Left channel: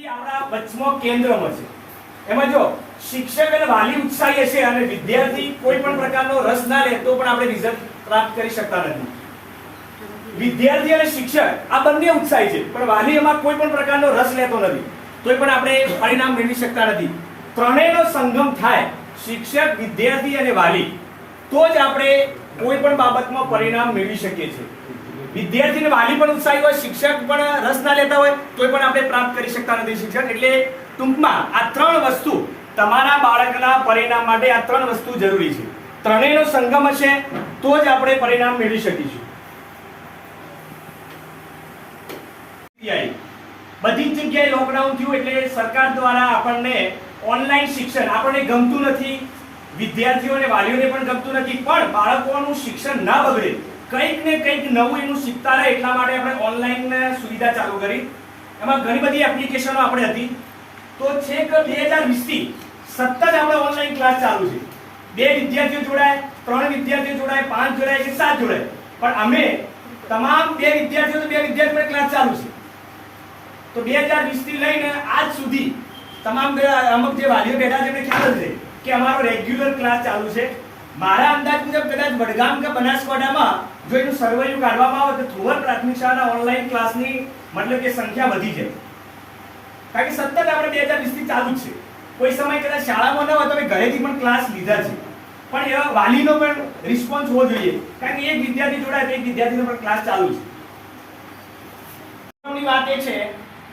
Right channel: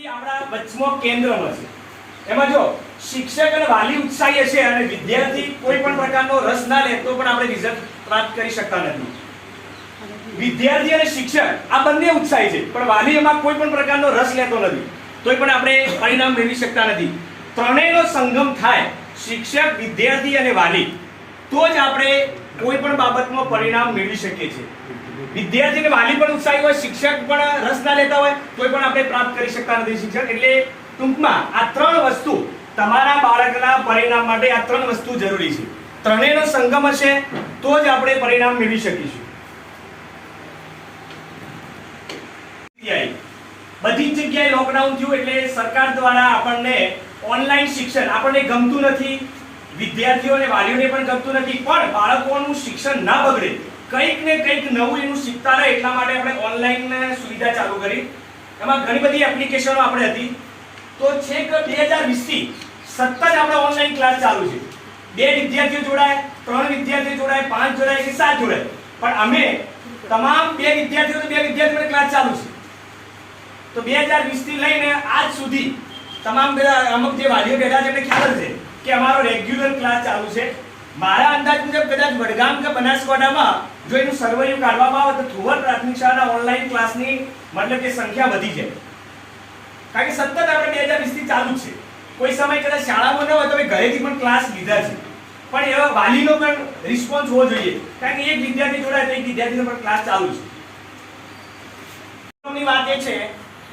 પછી આપણા વચમાં કેન્દ્રમાં છે. એમાં જો શિક્ષક અને વાલી ઉત્સાહી હશે અને વિદ્યાર્થી કોઈ પણ પ્રકારનો રસ ના લે તો પણ આપણે રિઝલ્ટ પ્રાપ્ત કરી શકતા નથી. વિદ્યાર્થી અને શિક્ષક આ બંને ઉત્સાહી છે પણ વાલી એમાં કોઈ પણ પ્રકારનો રસ લેતો નથી તોય પણ આપણે પરિણામ મેળવી શકતા નથી. ત્રણેયનો સંગમ થાય શિક્ષક, વિદ્યાર્થી અને વાલી તો જ આપણે કોઈ પણ બાબતમાં પરિણામ મેળવી શકીએ છીએ. વિદ્યાર્થી અને વાલી પણ ઉત્સાહી હોય, શિક્ષક પણ રસ ના લેતા હોય તોય પણ આપણે પ્રાપ્ત કરી શકતા નથી શિક્ષણ. એટલે ટૂંકમાં આ ત્રણ વસ્તુ તમારા બાળકના પરિણામ માટે આ ત્રણ વસ્તુ જરૂરી છે. ત્રણેયનો સંગમ હશે તો જ આપણે પરિણામ મેળવી શકીશું. બધી જ જગ્યાએ લોકડાઉન થયું એટલે સરકાર દ્વારા આપણને ઓનલાઈન શિક્ષણ આપણને ગમતું નથી, વિદ્યાર્થીઓ અને વાલીઓને પણ ગમતું નથી, પણ બાળકોનું શિક્ષણ ના બગડે, કંઈક ને કંઈક નવું એનું શીખતા રહે એટલા માટે આપણે ઓનલાઈન સુવિધા ચાલુ કરી. એમાં ઘણી બધી એપ્લિકેશનો આપણે હતી. તો છેક 2020 થી સતત આપણે ઓનલાઈન ક્લાસ ચાલુ છે. 2 વિદ્યાર્થીઓ જોડાય, 3 વિદ્યાર્થીઓ જોડાય, 5 જોડાય કે 7 જોડાય, પણ અમે તમામ 2 વિદ્યાર્થીઓ ક્લાસ ચાલુ છે. તો 2020 થી લઈને આજ સુધી તમામ અમુક જે વાલીઓ બેઠા છે એમને ખ્યાલ છે કે અમારો રેગ્યુલર ક્લાસ ચાલુ છે. મારા અંદાજ મુજબ કદાચ વડગામ કે બનાસકાંઠામાં જો એનું સર્વેયું કાઢવામાં આવે તો થુવર પ્રાથમિક શાળાના ઓનલાઈન ક્લાસની મતલબ કે સંખ્યા વધી જાય. કારણ કે સતત આપણે 2020 થી ચાલુ છે. કોઈ સમય કદાચ શાળામાં ન હોય તો ઘરેથી પણ ક્લાસ લીધા છે, પણ એ વાલીનો પણ રિસ્પોન્સ હોવો જોઈએ. કારણ કે એક વિદ્યાર્થી જોડાય તો એક વિદ્યાર્થીનો પણ ક્લાસ ચાલુ છે. ની વાત એ છે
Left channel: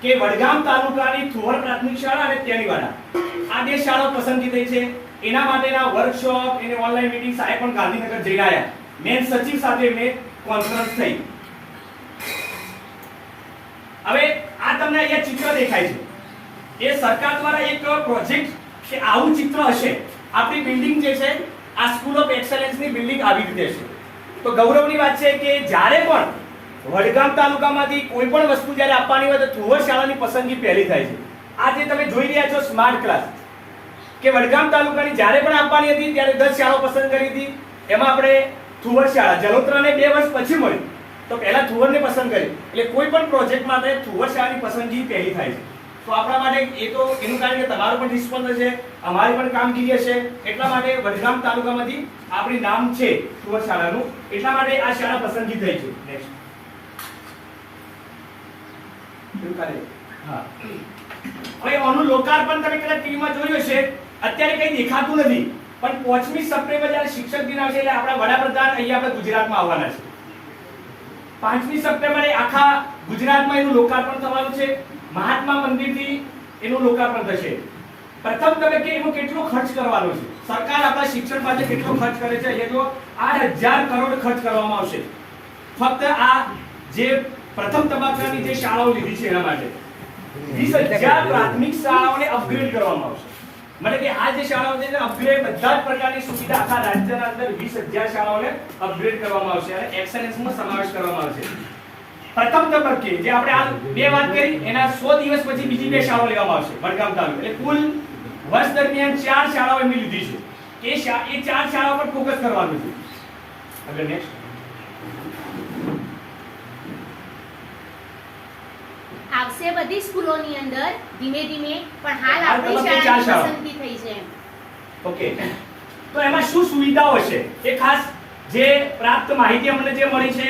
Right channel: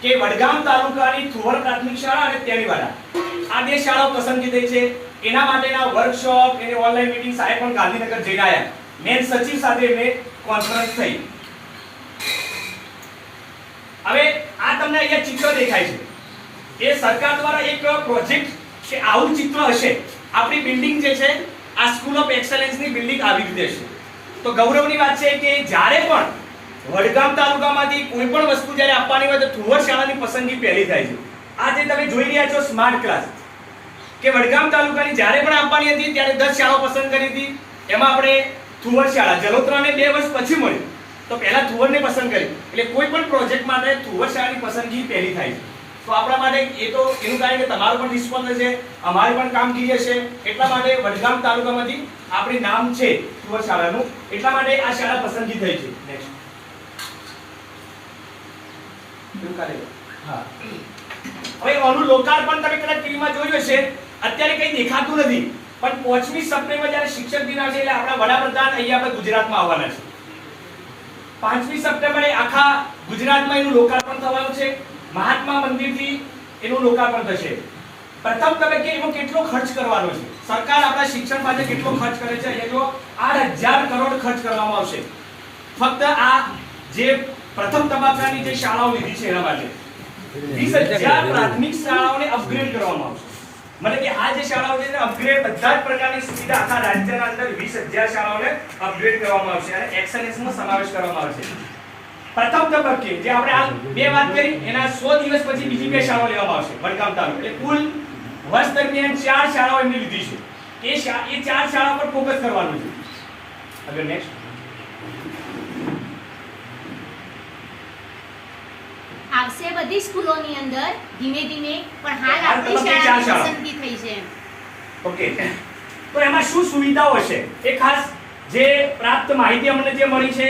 કે વડગામ તાલુકાની થુવર પ્રાથમિક શાળા અને તેલીવાડા આ 2 શાળાઓ પસંદગી થઈ છે. એના માટેના વર્કશોપ એને ઓનલાઈન મીટિંગ સાહેબ પણ ગાંધીનગર જઈને આવ્યા. મેં સચિવ સાથે મેં કોન્ફરન્સ થઈ. હવે આ તમને અહીંયા ચિત્ર દેખાય છે એ સરકાર દ્વારા એક પ્રોજેક્ટ કે આવું ચિત્ર હશે. આપણી બિલ્ડિંગ જે છે આ સ્કૂલ ઓફ એક્સેલન્સ ની બિલ્ડિંગ આવી રીતે છે. તો ગૌરવની વાત છે કે જ્યારે પણ વડગામ તાલુકામાંથી કોઈ પણ વસ્તુ જ્યારે આપવાની હોય તો થુવર શાળાની પસંદગી પહેલી થાય છે. આ જે તમે જોઈ રહ્યા છો સ્માર્ટ ક્લાસ કે વડગામ તાલુકાની જ્યારે પણ આપવાની હતી ત્યારે 10 શાળાઓ પસંદ કરી હતી. એમાં આપણે થુવર શાળા જલોત્રાને 2 વર્ષ પછી મળી તો પહેલા થુવરને પસંદ કરી. એટલે કોઈ પણ પ્રોજેક્ટ માટે થુવર શાળાની પસંદગી પહેલી થાય છે. તો આપણા માટે એ તો એનું કારણ કે તમારો પણ રિસ્પોન્સ હશે, અમારી પણ કામગીરી હશે, એટલા માટે વડગામ તાલુકામાંથી આપણી નામ છે થુવર શાળાનું, એટલા માટે આ શાળા પસંદગી થઈ છે. નેક્સ્ટ હા, હવે આનું લોકાર્પણ તમે કદાચ ટીવીમાં જોયું હશે. અત્યારે કંઈ દેખાતું નથી પણ 5મી સપ્ટેમ્બર જ્યારે શિક્ષક દિન આવશે એટલે આપણા વડાપ્રધાન અહીંયા આપણે ગુજરાતમાં આવવાના છે. 5મી સપ્ટેમ્બરે આખા ગુજરાતમાં એનું લોકાર્પણ થવાનું છે. મહાત્મા મંદિરથી એનું લોકાર્પણ થશે. પ્રથમ તબક્કે એમાં કેટલો ખર્ચ કરવાનો છે, સરકાર આપણા શિક્ષણ માટે કેટલો ખર્ચ કરે છે? અહીંયા જો 8000 કરોડ ખર્ચ કરવામાં આવશે ફક્ત આ જે પ્રથમ તબક્કાની જે શાળાઓ લીધી છે એના માટે. 20000 પ્રાથમિક શાળાઓને અપગ્રેડ કરવામાં આવશે. मतलब कि આ જે શાળાઓ છે અપગ્રેડ બધા જ પ્રકારની સુવિધા આખા રાજ્યના અંદર 20000 શાળાઓને અપગ્રેડ કરવામાં આવશે અને એક્સેલન્સમાં સમાવેશ કરવામાં આવશે. પ્રથમ તબક્કે જે આપણે આ 2 વાત કરી એના 100 દિવસ પછી બીજી 2 શાળાઓ લેવામાં આવશે વડગામ તાલુકા. એટલે કુલ વર્ષ દરમિયાન 4 શાળાઓ એમની લીધી છે. એ 4 શાળાઓ પર ફોકસ કરવાનું છે. હવે નેક્સ્ટ આવશે બધી સ્કૂલોની અંદર ધીમે ધીમે, પણ હાલ આપણી શાળાની પસંદગી થઈ છે. ઓકે, તો એમાં શું સુવિધાઓ છે એ ખાસ જે પ્રાપ્ત માહિતી અમને જે મળી છે,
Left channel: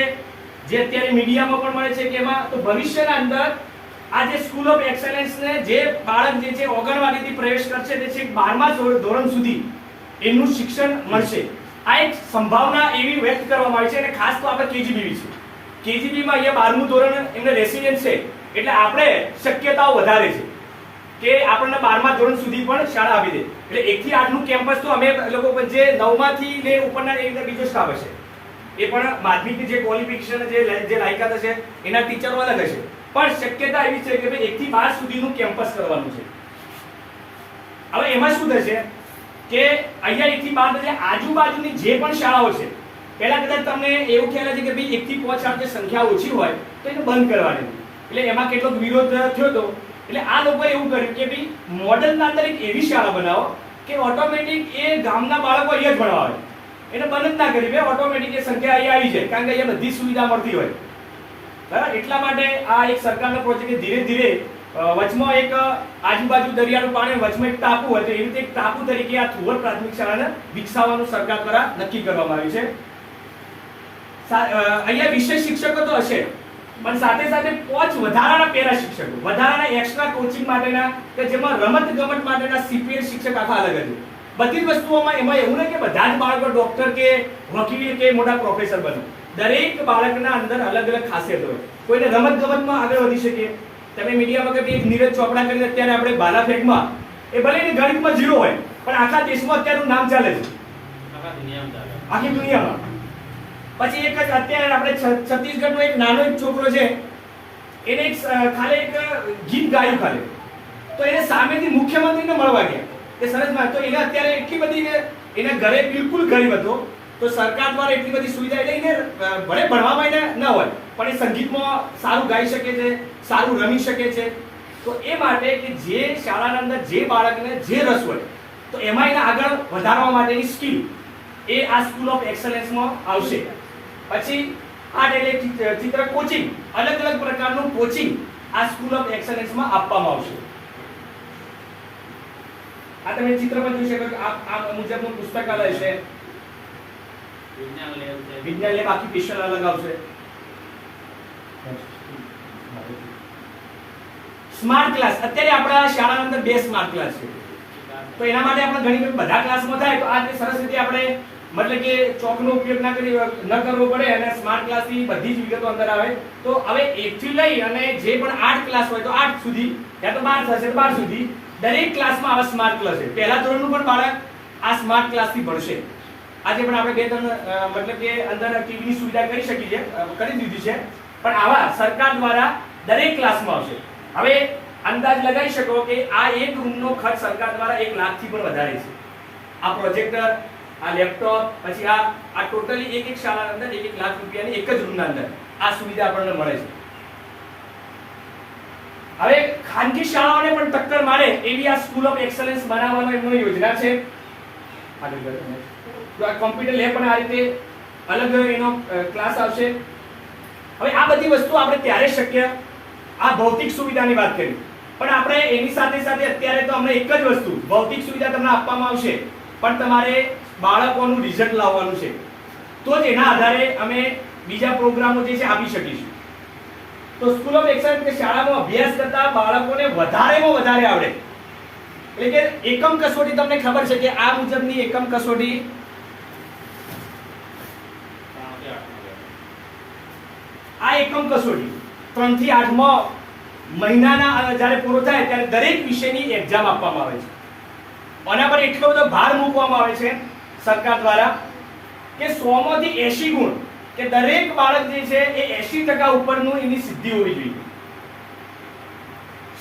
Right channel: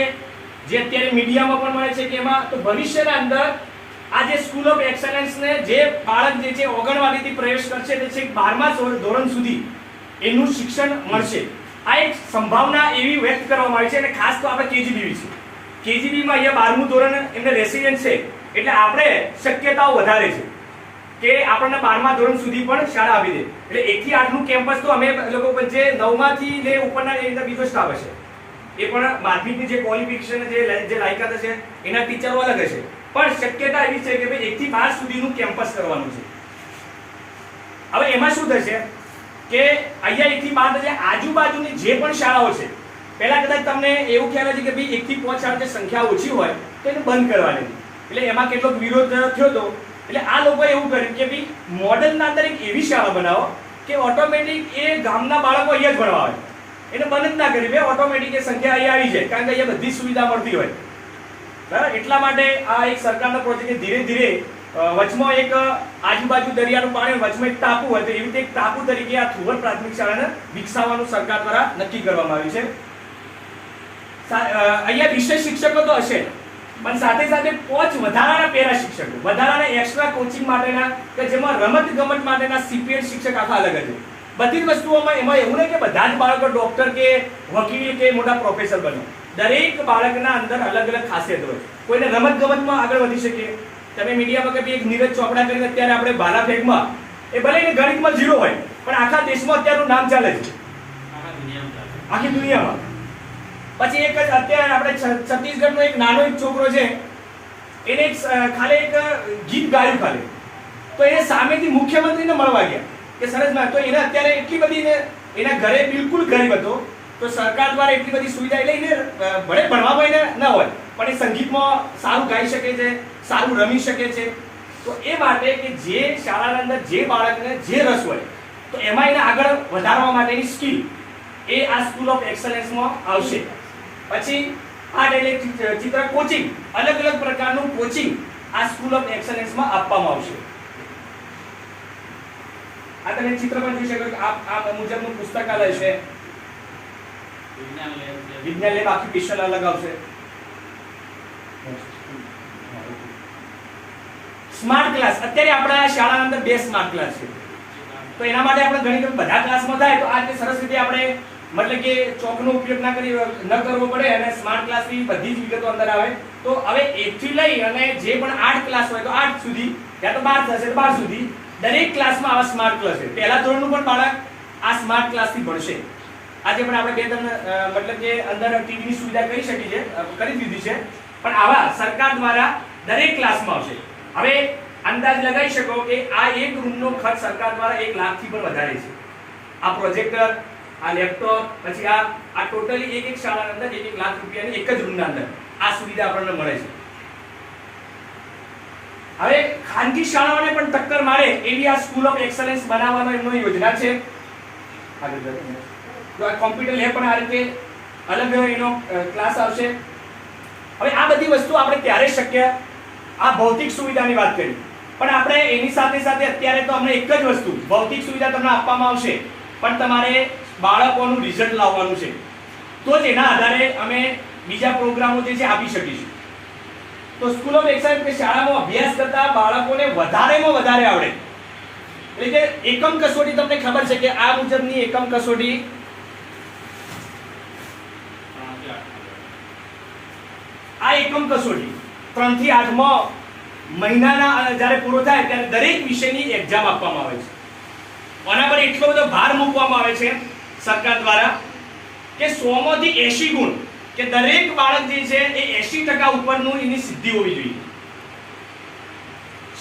જે અત્યારે મીડિયામાં પણ મળે છે કે એમાં તો ભવિષ્યના અંદર આ જે સ્કૂલ ઓફ એક્સેલન્સ ને જે બાળક જે છે ઓગણવાડીથી પ્રવેશ કરશે તે છે 12મા ધોરણ સુધી એનું શિક્ષણ મળશે. આ એક સંભાવના એવી વ્યક્ત કરવામાં આવી છે અને ખાસ તો આપણે કેજીબીવી છે. કેજીબીમાં અહીંયા 12મું ધોરણ એમને રેસિડેન્સ છે એટલે આપણે શક્યતાઓ વધારે છે કે આપણને 12મા ધોરણ સુધી પણ શાળા આપી દે. એટલે 1 થી 8 નું કેમ્પસ તો અમે લોકો જે 9મા થી લે ઉપરના એ બીજો સ્ટાફ હશે, એ પણ માધ્યમિકની જે ક્વોલિફિકેશન જે લાયકાત હશે એના ટીચરો અલગ હશે, પણ શક્યતા એવી છે કે ભાઈ 1 થી 5 સુધીનું કેમ્પસ કરવાનું છે. હવે એમાં શું થશે કે અહીંયા 1 થી 12 આજુબાજુની જે પણ શાળાઓ છે, પહેલા કદાચ તમને એવું ખ્યાલ છે કે ભાઈ 1 થી 5 શાળા જે સંખ્યા ઓછી હોય તો એને બંધ કરવાની. એટલે એમાં કેટલોક વિરોધ થયો હતો. એટલે આ લોકોએ એવું કર્યું કે ભાઈ મોડલના અંદર એક એવી શાળા બનાવો કે ઓટોમેટિક એ ગામના બાળકો અહીંયા જ ભણવા આવે. એને બંધ જ ના કરી, ઓટોમેટિક એ સંખ્યા અહીંયા આવી જાય કારણ કે અહીંયા બધી સુવિધા મળતી હોય. બરાબર, એટલા માટે આ એક સરકારનો પ્રોજેક્ટ ધીરે ધીરે વચમાં એક આજુબાજુ દરિયાનું પાણી, વચમાં એક ટાપુ હતો. એવી રીતે એક ટાપુ તરીકે આ થુવર પ્રાથમિક શાળાને વિકસાવવાનું સરકાર દ્વારા નક્કી કરવામાં આવ્યું છે. અહીંયા વિષય શિક્ષકો તો હશે, પણ સાથે સાથે 5 વધારાના પેરા શિક્ષકો, વધારાના એક્સ્ટ્રા કોચિંગ માટેના, કે જેમાં રમત ગમત માટેના CPL શિક્ષક આખા અલગ છે. બધી જ વસ્તુઓમાં એમાં એવું નહીં કે બધા જ બાળકો ડોક્ટર કે વકીલ કે મોટા પ્રોફેસર બને. દરેક બાળકના અંદર અલગ અલગ ખાસિયત હોય. કોઈને રમત ગમતમાં આગળ વધી શકે. તમે મીડિયા વખતે એક નીરજ ચોપડા કરીને અત્યારે આપણે ભાલા ફેંકમાં, એ ભલે એને ગણિતમાં 0 હોય, પણ આખા દેશમાં અત્યારનું નામ ચાલે છે, આખી દુનિયામાં. પછી એક જ અત્યારે આપણે છત્તીસગઢનો એક નાનો એક છોકરો છે, એને ખાલી એક ગીત ગાયું ખાલી, તો એને સામેથી મુખ્યમંત્રીને મળવા ગયા કે સરસ ના, તો એને અત્યારે એટલી બધી, એના ઘરે બિલકુલ ગરીબ હતો, તો સરકાર દ્વારા એટલી બધી સુવિધા, એટલે એને ભલે ભણવામાં એને ન હોય, પણ એ સંગીતમાં સારું ગાઈ શકે છે, સારું રમી શકે છે. તો એ માટે કે જે શાળાના અંદર જે બાળકને જે રસ હોય, તો એમાં એને આગળ વધારવા માટેની સ્કિલ એ આ સ્કૂલ ઓફ એક્સલન્સમાં આવશે. પછી આર્ટ એટલે ચિત્ર કોચિંગ, અલગ અલગ પ્રકારનું કોચિંગ આ સ્કૂલ ઓફ એક્સલન્સમાં આપવામાં આવશે. આ તમે ચિત્રમાં જોઈ શકો કે આ મુજબનું પુસ્તકાલય છે, વિજ્ઞાન લેબ આખી સ્પેશિયલ અલગ આવશે. સ્માર્ટ ક્લાસ, અત્યારે આપણા શાળાના અંદર 2 સ્માર્ટ ક્લાસ છે, તો એના માટે આપણે ઘણી બધા ક્લાસમાં થાય, તો આ રીતે સરસ રીતે આપણે મતલબ કે ચોકનો ઉપયોગ ન કરવો પડે અને સ્માર્ટ ક્લાસની બધી જ વિગતો અંદર આવે. તો હવે 1 થી લઈ અને જે પણ 8 ક્લાસ હોય તો 8 સુધી, ત્યાં તો 12 થશે તો 12 સુધી દરેક ક્લાસમાં આવા સ્માર્ટ ક્લાસ છે. પહેલા ધોરણનું પણ બાળક આ સ્માર્ટ ક્લાસથી ભણશે. આજે પણ આપણે 2-3 મતલબ કે અંદર ટીવીની સુવિધા કરી દીધી છે, પણ આવા સરકાર દ્વારા દરેક ક્લાસમાં આવશે. હવે અંદાજ લગાવી શકો કે આ એક રૂમનો ખર્ચ સરકાર દ્વારા 1 લાખથી પણ વધારે છે. આ પ્રોજેક્ટર, આ લેપટોપ, પછી આ ટોટલી એક શાળાના અંદર 1 લાખ રૂપિયાની એક જ રૂમના અંદર આ સુવિધા આપણને મળે છે. હવે ખાનગી શાળાઓને પણ ટક્કર મારે એવી આ સ્કૂલ ઓફ એક્સલન્સ બનાવવાનો એમનો યોજના છે. તો આ કોમ્પ્યુટર લેબ પણ આ રીતે અલગ એનો ક્લાસ આવશે. હવે આ બધી વસ્તુ આપણે ત્યારે શક્ય, આ ભૌતિક સુવિધાની વાત કરી, પણ આપણે એની સાથે સાથે અત્યારે તો અમને એક જ વસ્તુ, ભૌતિક સુવિધા તમને આપવામાં આવશે, પણ તમારે બાળકોનું રિઝલ્ટ લાવવાનું છે, તો જ એના આધારે અમે બીજા પ્રોગ્રામો જે છે આપી શકીશું. તો સ્કૂલ ઓફ એક્સલન્સ કે શાળામાં અભ્યાસ કરતા બાળકોને વધારેમાં વધારે આવડે, એટલે કે એકમ કસોટી તમને ખબર છે કે આ મુજબની એકમ કસોટી આ એકમ કસોટી 3 થી 8માં મહિનાના જ્યારે પૂરો થાય ત્યારે દરેક વિષયની એક્ઝામ આપવામાં આવે છે. આના પર એટલો બધો ભાર મૂકવામાં આવે છે સરકાર દ્વારા કે 100 માંથી 80 ગુણ, કે દરેક બાળક જે છે એ 80% ઉપરનું એની સિદ્ધિ હોવી જોઈએ.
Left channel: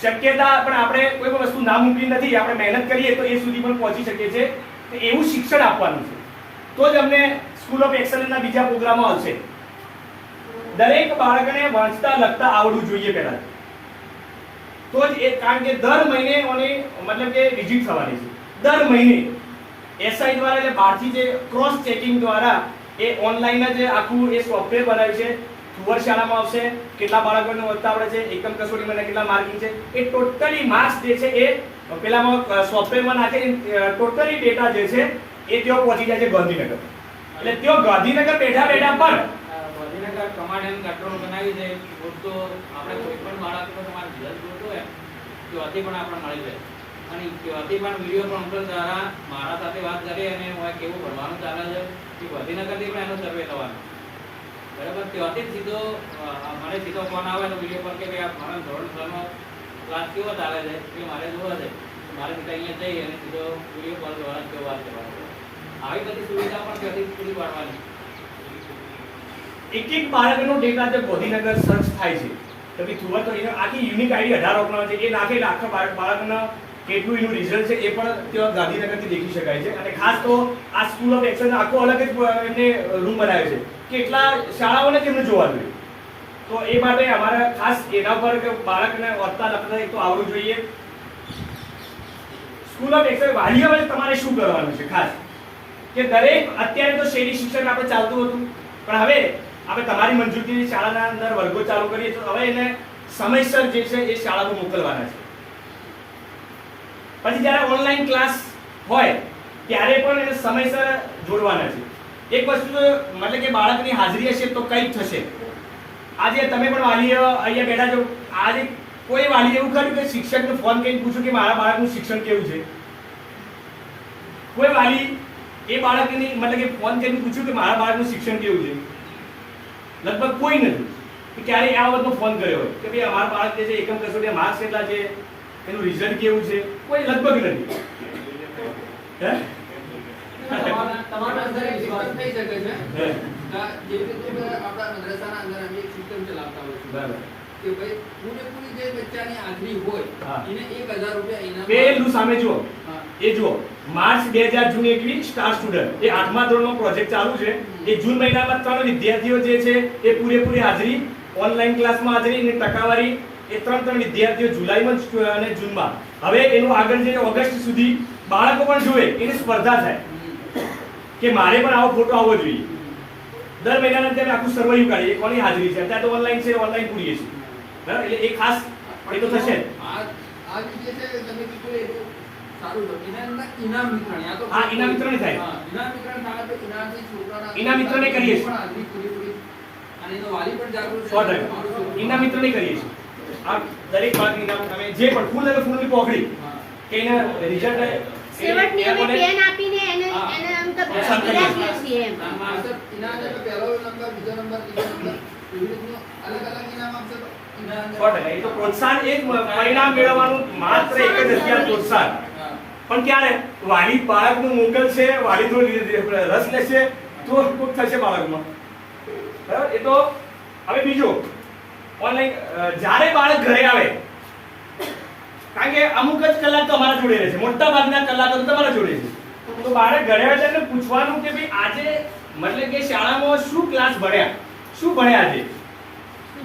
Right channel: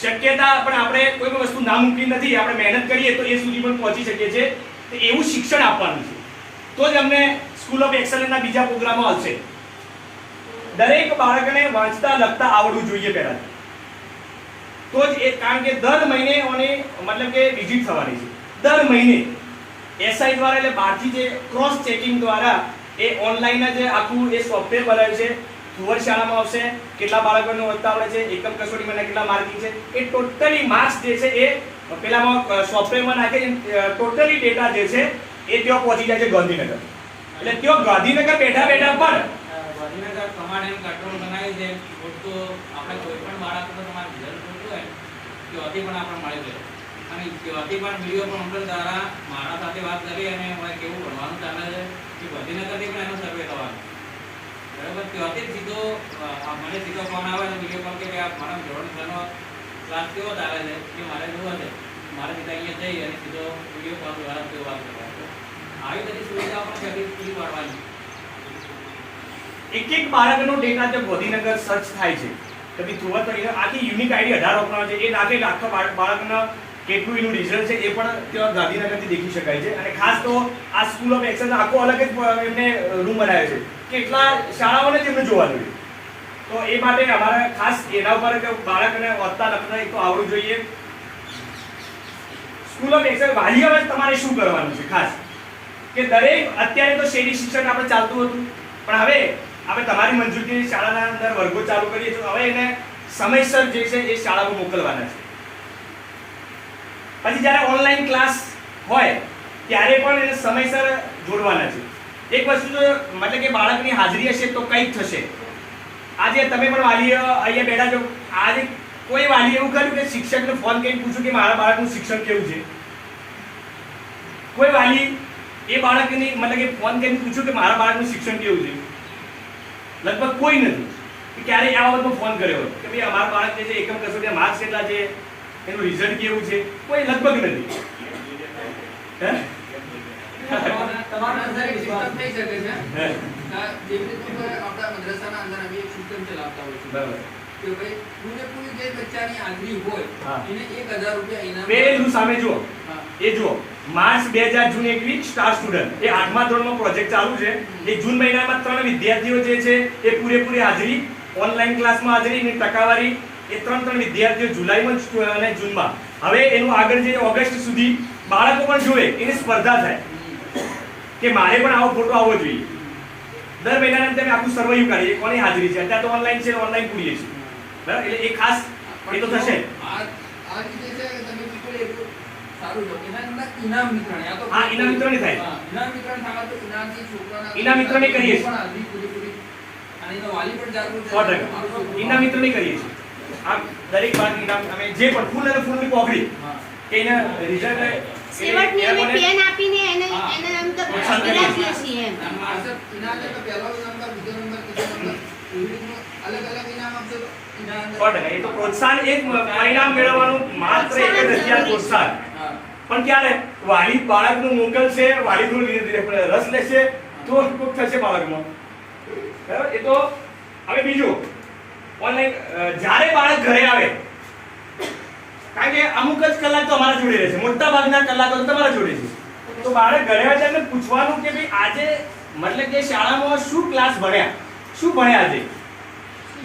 શક્યતા પણ આપણે કોઈ પણ વસ્તુ નામુમકિન નથી, આપણે મહેનત કરીએ તો એ સુધી પણ પહોંચી શકીએ છીએ. તો એવું શિક્ષણ આપવાનું છે, તો જ અમને સ્કૂલ ઓફ એક્સલન્સના બીજા પ્રોગ્રામો આવશે. દરેક બાળકને વાંચતા લખતા આવડવું જોઈએ પહેલા, તો જ એ, કારણ કે દર મહિને ઓને મતલબ કે વિઝિટ થવાની છે, દર મહિને એસઆઈ દ્વારા, એટલે બહારથી જે ક્રોસ ચેકિંગ દ્વારા એ ઓનલાઈન જ આખું એ સોફ્ટવેર બનાવ્યું છે. થુવર શાળામાં આવશે, કેટલા બાળકોને વાંચતા આવડે છે, એકમ કસોટીમાં કેટલા માર્કિંગ છે, એ ટોટલી માર્ક્સ જે છે એ પેલામાં સોફ્ટવેરમાં નાખે, ટોટલી ડેટા જે છે એ ત્યાં પહોંચી જાય છે ગાંધીનગર. એટલે ત્યાં ગાંધીનગર બેઠા પણ ગાંધીનગર કમાન્ડ એન્ડ કંટ્રોલ બનાવી છે. તો આપણે કોઈ પણ બાળકનો તમારે રિઝલ્ટ જોતો હોય ત્યાંથી પણ આપણે મળી જાય, અને ત્યાંથી પણ વિડીયો કોન્ફરન્સ દ્વારા મારા સાથે વાત કરી અને કેવું ભણવાનું ચાલે છે કે ગાંધીનગરથી પણ એનો સર્વે થવાનો, બરાબર. ત્યાંથી જ સીધો મને સીધો ફોન આવે તો વિડીયો કોલ કે મારા ધોરણ 6 નો ક્લાસ કેવો ચાલે છે કે મારે જોવો છે, મારે સીધા અહીંયા જઈ અને સીધો વિડીયો કોલ દ્વારા કેવો વાત કરવાનો. આવી બધી સુવિધા પણ ત્યાંથી પૂરી પાડવાની. એક બાળકનો ડેટા તે ગાંધીનગર સર્ચ થાય છે કે ભાઈ થુવર તો એને આખી યુનિક આઈડી 18 અપનાવે છે, એ નાખે એટલે આખા બાળકના કેટલું એનું રિઝલ્ટ છે એ પણ ત્યાં ગાંધીનગરથી દેખી શકાય છે. અને ખાસ તો આ સ્કૂલ ઓફ એક્સલન્સ આખો અલગ જ એમને રૂમ બનાવ્યો છે, કેટલા શાળાઓને જ એમને જોવા જોઈએ. તો એ માટે અમારે ખાસ એના ઉપર કે બાળકને વાંચતા લખતા એક તો આવડવું જોઈએ. સ્કૂલ ઓફ એક્સલન્સ વાલીઓએ તમારે શું કરવાનું છે ખાસ, કે દરેક, અત્યારે તો શેરી શિક્ષણ આપણે ચાલતું હતું, પણ હવે આપણે તમારી મંજૂરીથી શાળાના અંદર વર્ગો ચાલુ કરીએ તો હવે એને સમયસર જે છે એ શાળામાં મોકલવાના છે. પછી જ્યારે ઓનલાઈન ક્લાસ હોય ત્યારે પણ એને સમયસર જોડવાના છે. એક વસ્તુ તો મતલબ કે બાળકની હાજરી હશે તો કંઈક થશે. આજે તમે પણ વાલી અહીંયા બેઠા છો, આજે કોઈ વાલી એવું કર્યું કે શિક્ષકને ફોન કરીને પૂછ્યું કે મારા બાળકનું શિક્ષણ કેવું છે? કોઈ વાલી એ બાળકની મતલબ કે ફોન કરીને પૂછ્યું કે મારા બાળકનું શિક્ષણ કેવું છે? લગભગ કોઈ નથી. ક્યારે આ બાબતનો ફોન કર્યો હોય કે ભાઈ અમારા બાળક જે છે એકમ કસોટી માર્ક્સ કેટલા છે, એનું રિઝલ્ટ કેવું છે? કોઈ લગભગ નથી. હે? તમારા અંદર એક સિસ્ટમ થઈ શકે છે જેવી રીતે આપણા મદ્રસાના અંદર અમે એક સિસ્ટમ ચલાવતા હોય છે બરાબર કે ભાઈ પૂરેપૂરી જે બચ્ચાની હાજરી હોય હા. એને 1000 રૂપિયા ઇનામ પેલું સામે જુઓ, હા. એ જુઓ માર્ચ 2000 જૂન 21 સ્ટાર સ્ટુડન્ટ એ 8મા ધોરણમાં પ્રોજેક્ટ ચાલુ છે. એ જૂન મહિનામાં 3 વિદ્યાર્થીઓ જે છે એ પૂરેપૂરી હાજરી, ઓનલાઈન ક્લાસમાં હાજરી ની ટકાવારી, એ 3 વિદ્યાર્થીઓ જુલાઈમાં અને જૂનમાં. હવે એનું આગળ જઈને ઓગસ્ટ સુધી બાળકો પણ જોવે, એની સ્પર્ધા થાય કે મારે પણ આવો ફોટો આવવો જોઈએ. દર મહિનાના અંતે આખું સર્વેયું કાઢીએ કોની હાજરી છે. અત્યારે તો ઓનલાઈન છે, ઓનલાઈન પૂરીએ છીએ. બરાબર, એટલે એ ખાસ એ તો થશે. આ જે છે કે તમે કીધું એ તો સારું છે. એના અંદર ઇનામ વિતરણ આ તો હા, ઇનામ વિતરણ થાય. હા, ઇનામ વિતરણ થાય તો ઇનામથી છોકરાના ઇનામ વિતરણ કરીએ છીએ. પણ હાજરી પૂરેપૂરી અને એનો વાલી પણ જાગૃત 100% ઇનામ વિતરણ કરીએ છીએ. આ દરેક બાળક ઇનામ અમે જે પણ ફૂલ અને ફૂલની પોકડી હા. કે એના રિઝલ્ટ સેવટની અમે પેન આપીને એને આમ તો બિરાજીએ છીએ એમ. માસ્ટર ઇનામ એટલે પહેલો નંબર, બીજો નંબર, ત્રીજો નંબર એવી રીતનું અલગ-અલગ ઇનામ આપશો તો ઇનામ 100% એ તો પ્રોત્સાહન, એક પરિણામ મેળવવાનું માત્ર એક જ હથિયાર પ્રોત્સાહન. હા. પણ ક્યારે વાલી બાળકનું મોકલશે, વાલી થોડો રસ લેશે તો કોક થશે બાળકનો. બરાબર, એ તો હવે બીજું ઓનલાઈન જ્યારે બાળક ઘરે આવે, કારણ કે અમુક જ કલાક તો અમારા જોડે રહે છે, મોટા ભાગના કલાકો તો તમારા જોડે છે. તો બાળક ઘરે આવે એટલે પૂછવાનું કે ભાઈ આજે મતલબ કે શાળામાં શું ક્લાસ ભણ્યા, શું ભણ્યા આજે,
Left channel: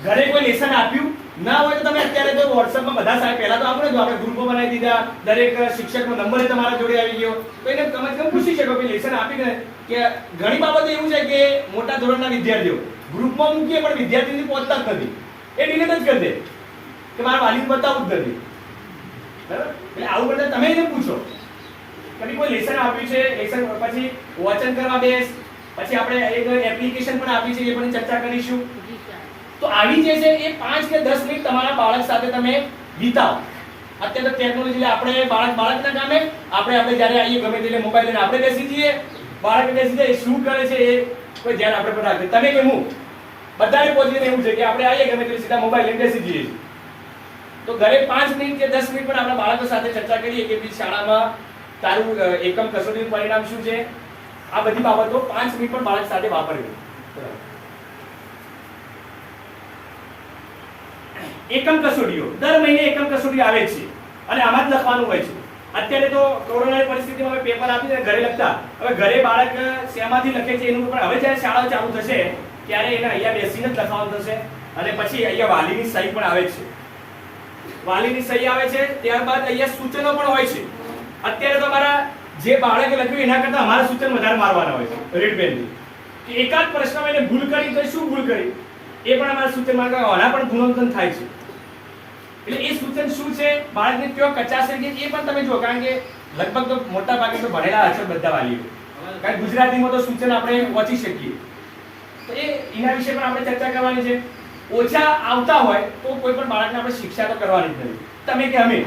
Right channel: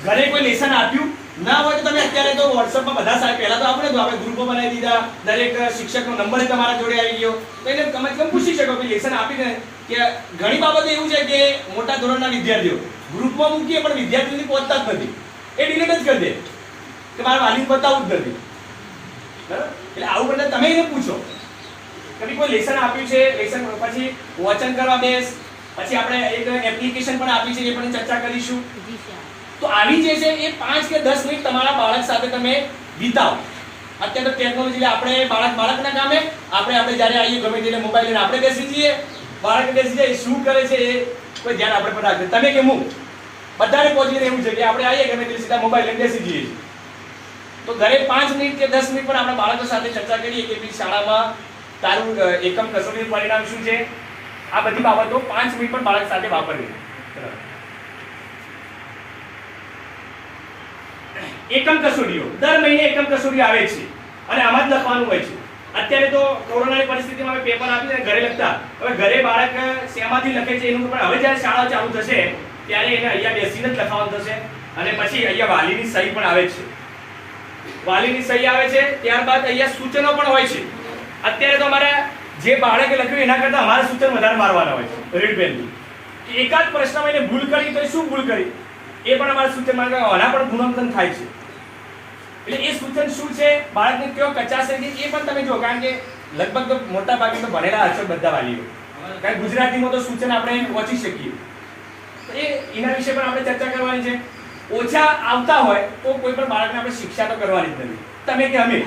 ઘરે કોઈ લેસન આપ્યું ના હોય તો તમે અત્યારે તો WhatsAppમાં બધા સાહેબ પહેલા તો આપણે ગ્રુપો બનાવી દીધા, દરેક શિક્ષકનો નંબર તમારા જોડે આવી ગયો, તો એને તમે પૂછી શકો કે લેસન આપીને. કે ઘણી બાબતો એવું છે કે મોટા ધોરણના વિદ્યાર્થીઓ ગ્રુપમાં મૂકીએ પણ વિદ્યાર્થીને પહોંચતા જ નથી, એ ડિલીટ જ કરી દે કે મારા વાલીને બતાવવું જ નથી. બરાબર, એટલે આવું બધા તમે એને પૂછો કે કોઈ લેસન આપ્યું છે, લેસન પછી વાંચન કરવા બેસ, પછી આપણે એક એપ્લિકેશન પણ આપી છે, એ પણ ચર્ચા કરીશું. તો આવી જે છે એ 5 કે 10 મિનિટ તમારા બાળક સાથે તમે વિતાવો. અત્યારે તો ટેકનોલોજી આપણે બાળકના કામે આપણે જ્યારે આવીએ ગમે એટલે મોબાઈલ લઈને આપણે બેસી જઈએ, બાળક બેસી જાય, શું કરે છે એ કોઈ ધ્યાન આપણે પર રાખે. તમે કે હું બધાને પહોંચીને એવું છે કે આપણે આવીએ ગમે એટલે સીધા મોબાઈલ લઈને બેસી જઈએ. તો ઘરે 5 મિનિટ કે 10 મિનિટ પણ આપણે બાળકો સાથે ચર્ચા કરીએ કે ભાઈ શાળામાં તારું એકમ કસોટીનું પરિણામ શું છે. આ બધી બાબતો 5 મિનિટ પણ બાળક સાથે વાપરવી. એકમ કસોટીઓ દર મહિને એકમ કસોટી આવે છે અને આમાં જ લખવાનું હોય છે. અત્યારે તો કોરોનાની પરિસ્થિતિમાં અમે પેપર આપીને ઘરે લખતા, હવે ઘરે બાળક શેમાંથી લખે છે એનું પણ હવે જ્યારે શાળા ચાલુ થશે ત્યારે એને અહીંયા બેસીને જ લખવાનું થશે. અને પછી અહીંયા વાલીની સહી પણ આવે છે, વાલીની સહી આવે છે. ત્યારબાદ અહીંયા સૂચનો પણ હોય છે. અત્યારે તો અમારા જે બાળકે લખ્યું એના કરતા અમારા સૂચન વધારે મારવાના હોય છે રેડ પેનથી, કે એકાદ પ્રશ્નમાં એને ભૂલ કરી તો શું ભૂલ કરી એ પણ અમારા સૂચનમાં આના પણ ગુણાંકન થાય છે. એટલે એ સૂચન શું છે, બાળકને કયો કચાશે કે એ પણ તમે જુઓ, કારણ કે લગભગ તો મોટા ભાગે તો ભણેલા હશે બધા વાલીઓ, કારણ કે ગુજરાતીમાં તો સૂચન આપણે વાંચી શકીએ. તો એના વિશે પણ આપણે ચર્ચા કરવાની છે. ઓછા આવતા હોય તો કોઈ પણ બાળકને આપણે શિક્ષા તો કરવાની જ નથી. તમે કે અમે